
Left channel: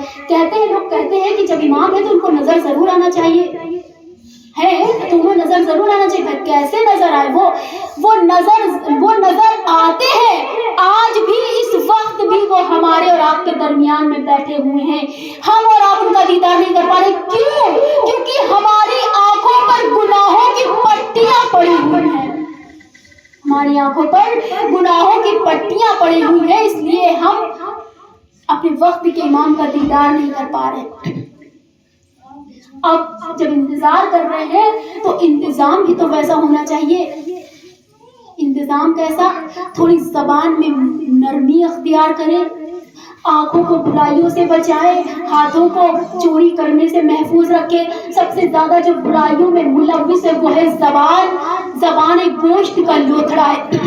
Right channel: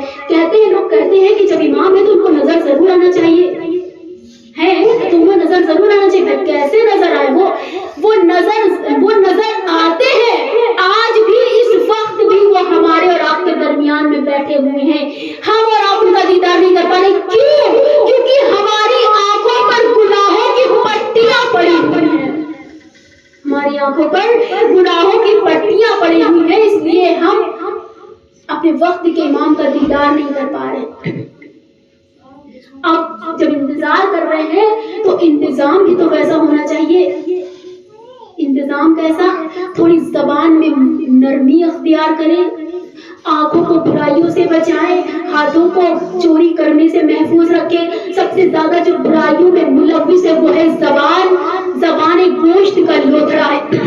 لوگ کہتے ہیں کہ جب امام ہے تو ان کو نظر ضرور آنا چاہیے, ہے تو انہیں نظر ضرور آنا چاہیے. کیسے نظر آئے؟ وہ نظر آتے ہیں. آج بھی اس وقت بھی وہ ہمارے اور آپ کے درمیان میں بیٹھے ہوئے ہیں. ہم اور آپ ان کا دیدار نہیں کر پا رہے. کیوں؟ کیونکہ ہماری آنکھوں پر گناہوں کی پٹیاں پڑی ہوئی ہیں. ہماری آنکھوں پر گناہوں کی پٹیاں پڑی ہوئی ہیں, اس لیے ہم اپنے وقت کے امام کا دیدار نہیں کر پا رہے. اب جب انتظار کر رہے ہیں تو انتظام بھی تو ویسا ہونا چاہیے. انتظام کیسا؟ تھوڑی زبان میں نرمی اختیار کریں, آنکھوں کو برائیوں سے بچائے, ہاتھوں کو چوری کرنے سے محفوظ رکھے. سب سے زیادہ جو برائیوں میں ملوث ہے وہ ہے زبان ایک گوشت کا لوتھڑا ہے.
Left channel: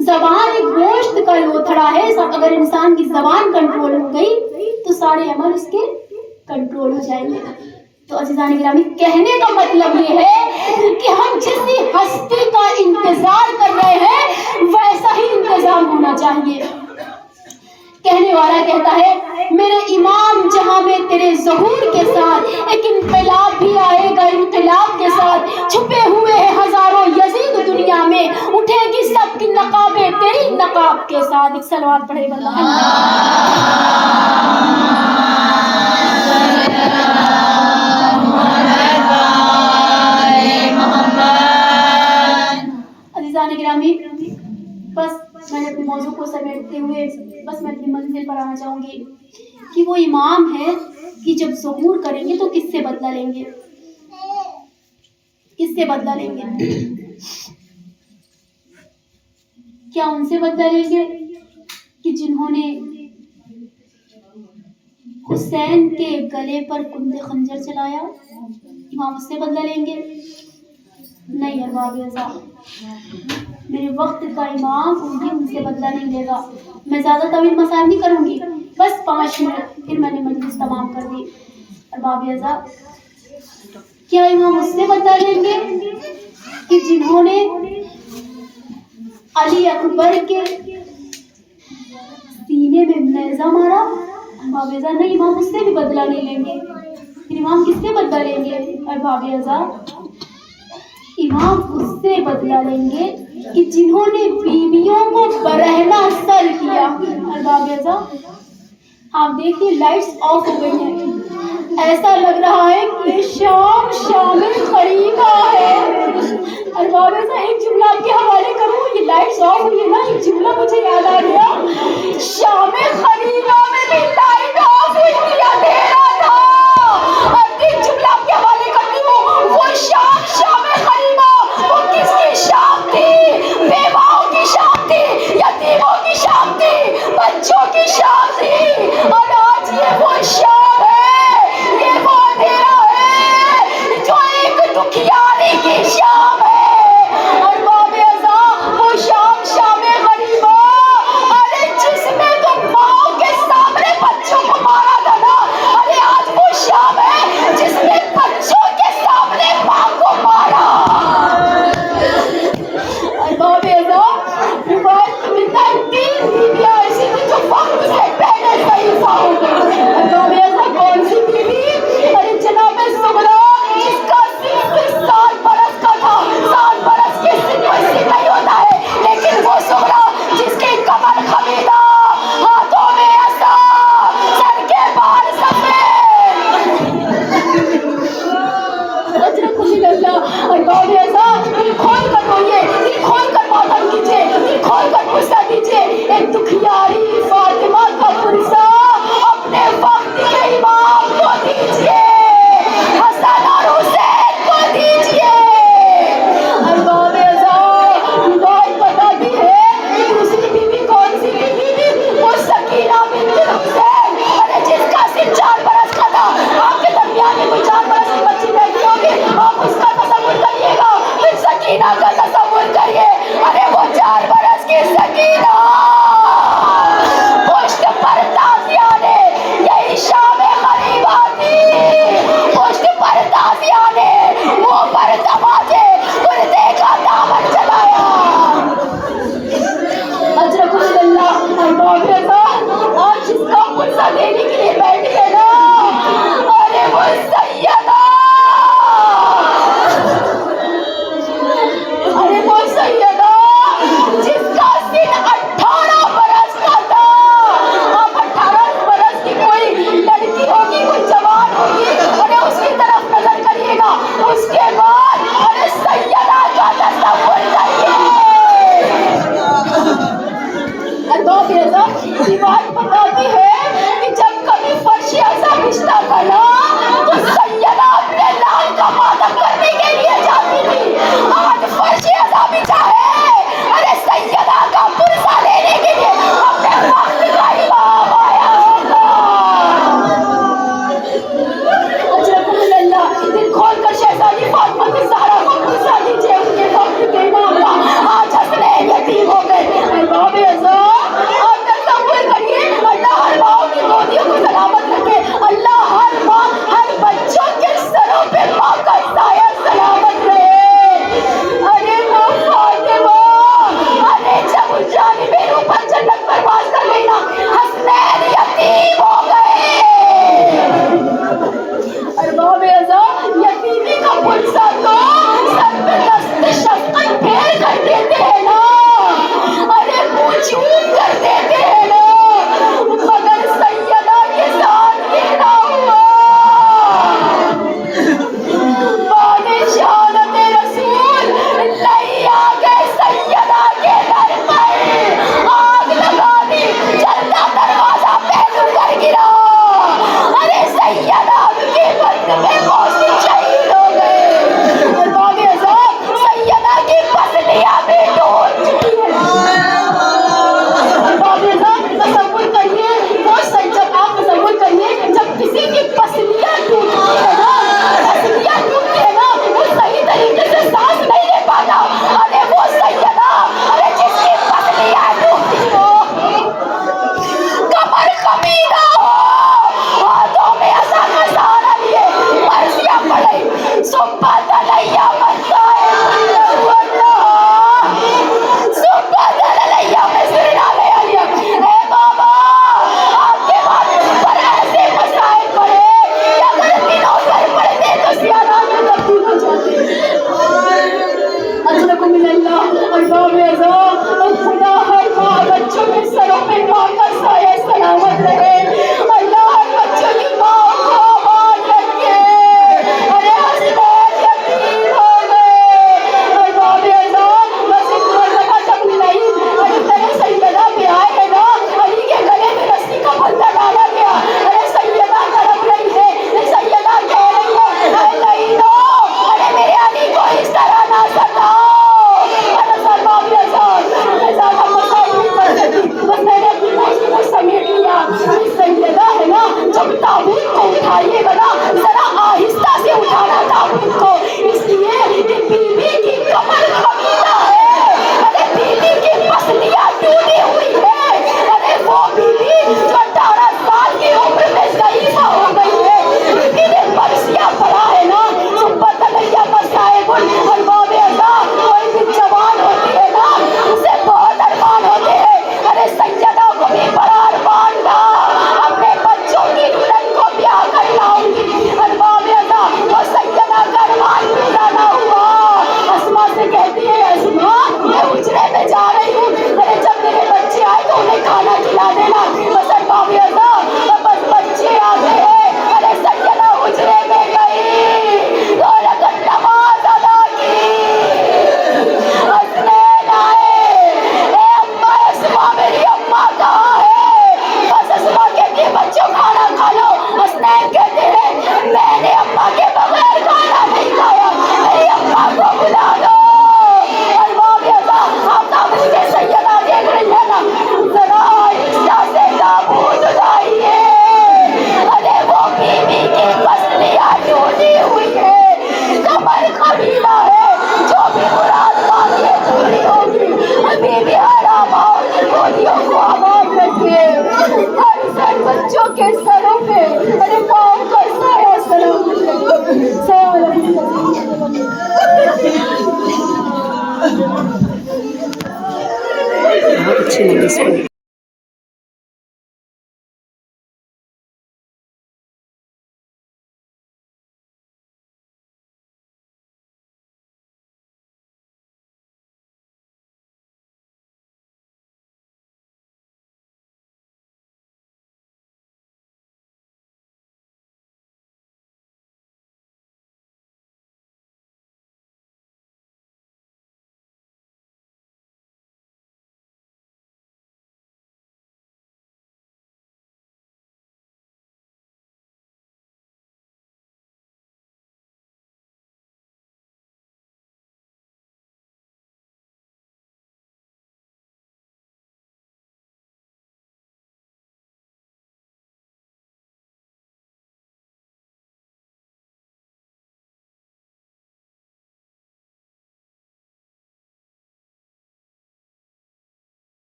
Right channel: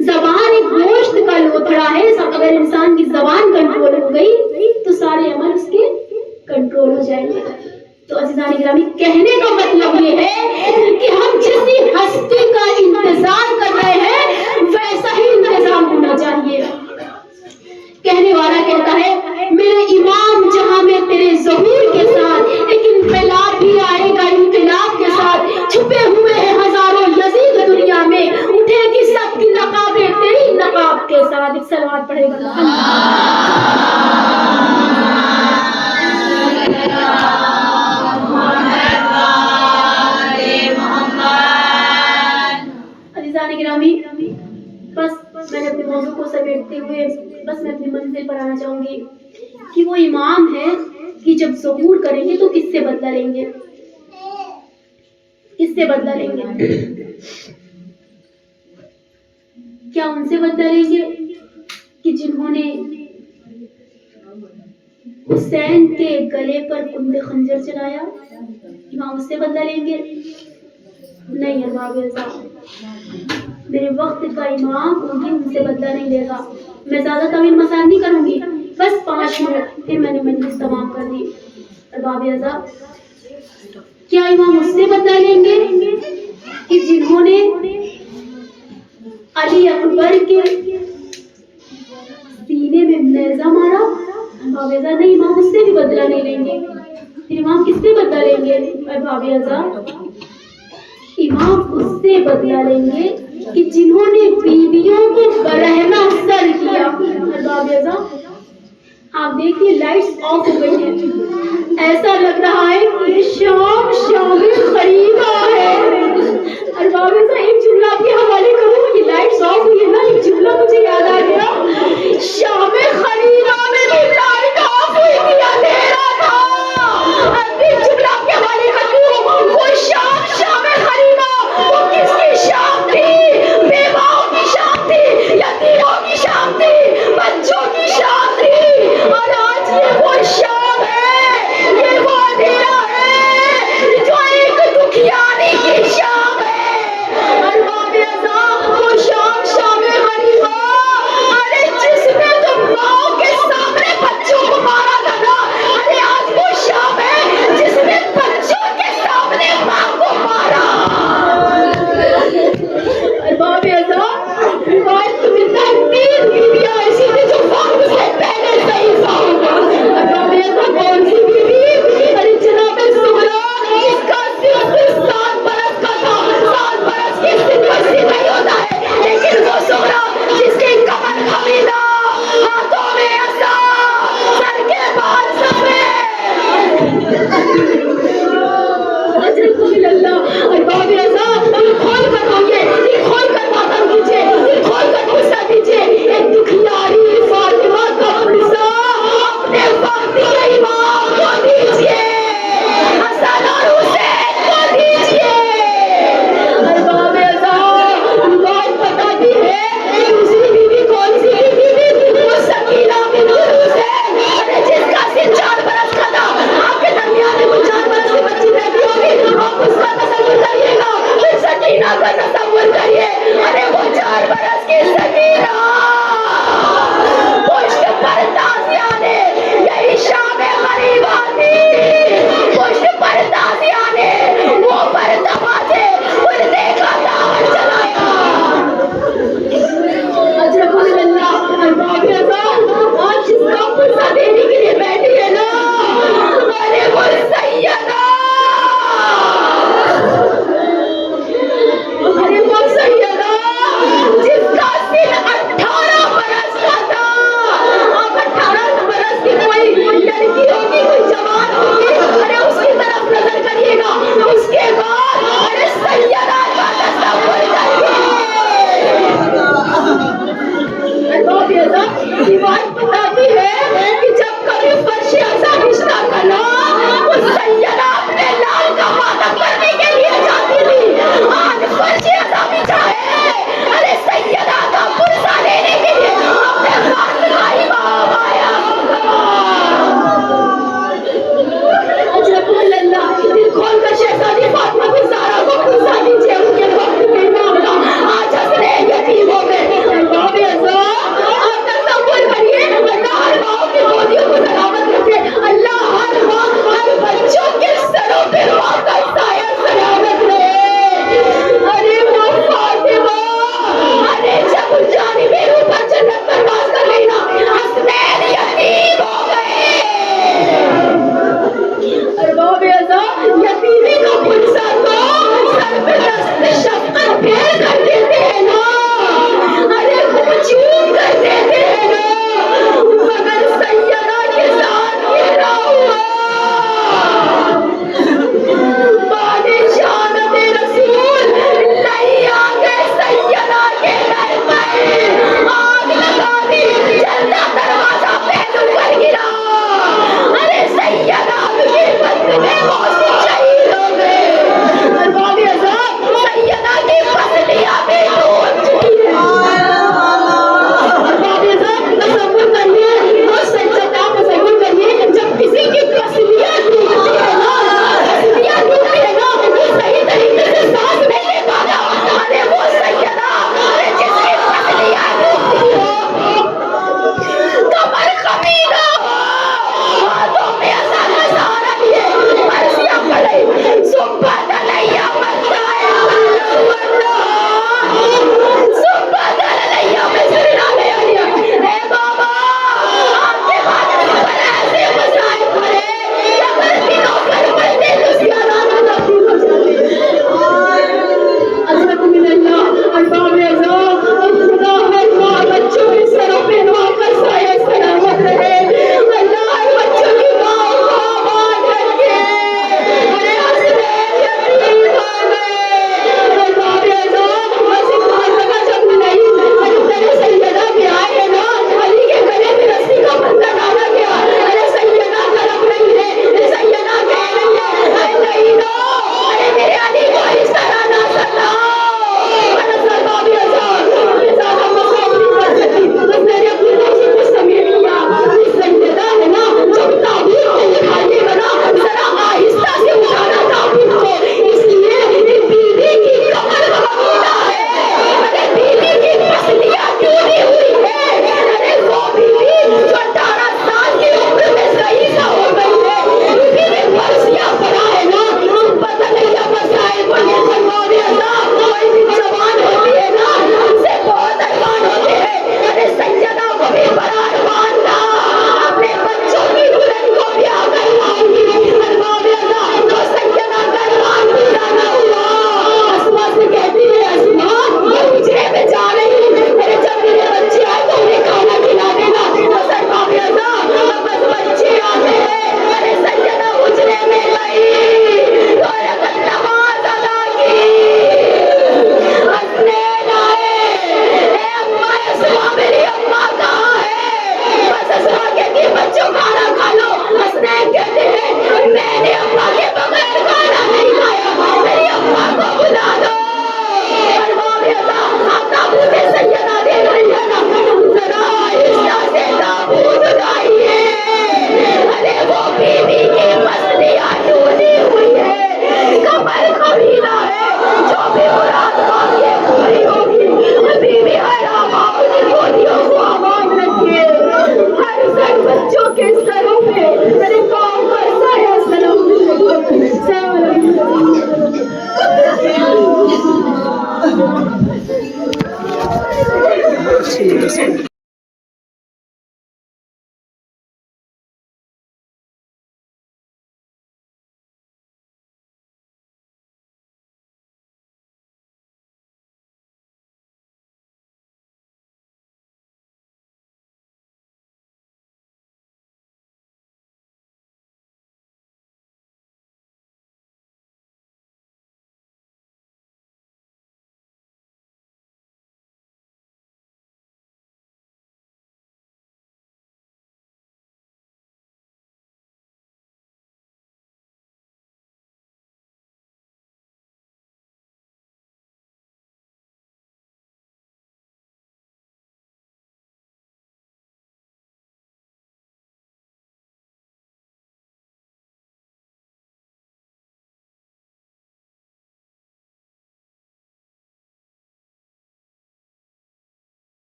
زبان ایک گوشت کا لوتھڑا ہے. اگر انسان کی زبان کنٹرول ہو گئی تو سارے عمل اس کے کنٹرول ہو جائیں گے. تو عزیزان گرامی, کہنے کا مطلب یہ ہے کہ ہم جس ہستی کا انتظار کر رہے ہیں ویسا ہی انتظام ہونا چاہیے. کہنے والا کہتا ہے, میرے امام جہاں میں تیرے ظہور کے ساتھ ایک انقلاب بھی آئے گا. انقلاب کے ساتھ چھپے ہوئے ہیں ہزاروں یزید دنیا میں, اٹھے گی سب کی نقابیں تیری نقاب کے ساتھ. ایک صلوات پڑھے گا. عزیزان گرامی, بس میں نے اپنے موضوع کو سمیٹتے ہوئے بس میں اپنی منزل پر آنا چاہوں گی کہ وہ امام ہے کہ جب ظہور کریں گے تو کس سے بدلہ لیں گے؟ کس سے بدلہ لیں گے؟ کیا ان سے بدلہ لیں گے کہ جنہوں نے حسین کے گلے پر کند خنجر چلایا؟ امام اس سے بدلہ لیں گے؟ نہیں ارباب رضا, میرے وقت کا امام ان سے بدلہ نہیں لے گا. میں زیادہ طویل مسائل نہیں کروں گی, بس 5 منٹ, پھر میں نے مجلس تمام کر دی. ارباب اعضاء, کیا امام اس سے بدلہ لیں گے کہ جنہوں نے علی اکبر کے سینے میں نیزہ مارا؟ ارباب اعضاء, نہیں, امام اس سے بھی بدلہ نہیں لیں گے. پھر امام کس سے بدلہ لیں گے؟ ارباب اعضاء, امام اس سے بدلہ لیں گے کہ جنہوں نے بیویوں کو برہنہ سر کیا. ارباب اعضاء, آپ دیکھیے لائٹس آف ہو گئی ہیں, ایسا لگ رہا ہے کہ شام قریبا ہے. ارباب اعضاء, ایک جملہ آپ کے حوالے کروں, یہ لائٹس آف ہوئی ہے نا, ایک جملہ مجھے یاد آ گیا. شام قریبا میں بھی لائٹ آف ہوئی تھی, اندھیرا تھا. ایک جملہ آپ کے حوالے کرتی ہوں, وہ شام قریبا وہ کس کی شام تھی؟ بیواؤں کی شام تھی, یتیموں کی شام تھی, بچوں کی شام تھی. اور آج یہ وہ شام ہے, یہ وہ اندھیرا ہے جو ایک دکھیاری کی شام ہے. ارباب اعضاء, وہ شام غریبا, ارے جس میں تو ماں کے سامنے بچوں کو مارا تھا نا, ارے آج وہ شام ہے جس نے بچوں کے سامنے ماں کو مارا. ارباب اعضاء, روایت میں ملتا ہے 3 بیویاں ایسی تھی جو وقت سے پہلے ضعیفہ ہو گئی. ارباب اعضاء, کون سی بیوی؟ ارے جناب زہرا, جس کا سن 7 برس کا تھا. 7 برس کے سن ویسے نہیں ہوتا ہے, لیکن وہ زہرا جس کی کمر خمیدہ, ہاتھوں میں عصا, سر کے بال سفید. اجرکم اللہ. ارباب اعضاء, دل کھول کر روئیے, دل کھول کر ماتم کیجیے, دل کھول کر غصہ دیجیے. ایک دکھیاری فاطمہ کا پرسہ اپنے وقت کے امام کو دیجیے, حسن اور حسین کو دیجیے. ارباب اعضاء, روایت بتاتی ہے دوسری بیوی کون سی بیوی تھی؟ وہ سکینہ بنت حسین, ارے جس کا سن 4 برس کا تھا. آپ کے درمیان میں کوئی 4 برس کی بچی رہتی ہوگی, آپ اس کا تصور کریے گا, پھر سکینہ کا تصور کریے. ارے وہ 4 برس کی سکینہ, پشت پر تازیہ نے, یہی شام غریبا تھی. پشت پر تازیہ نے منہ پر تماچے کلتے کا دامن چلایا. اجرکم اللہ. ارباب اعضاء, آج جس کا پرسہ دینے کے لیے بیٹھی ہے نا, ارے وہ سیدہ, ارے وہ سیدہ جس کا سن 18 برس کا تھا. آپ 18 برس کی کوئی لڑکی ہوگی, کوئی جوان ہوگی, ارے اس کی طرف نظر کریے گا. اس کے بعد ارے سیدہ کا تصور کریے. ارباب اعضاء, روایت بتاتی ہے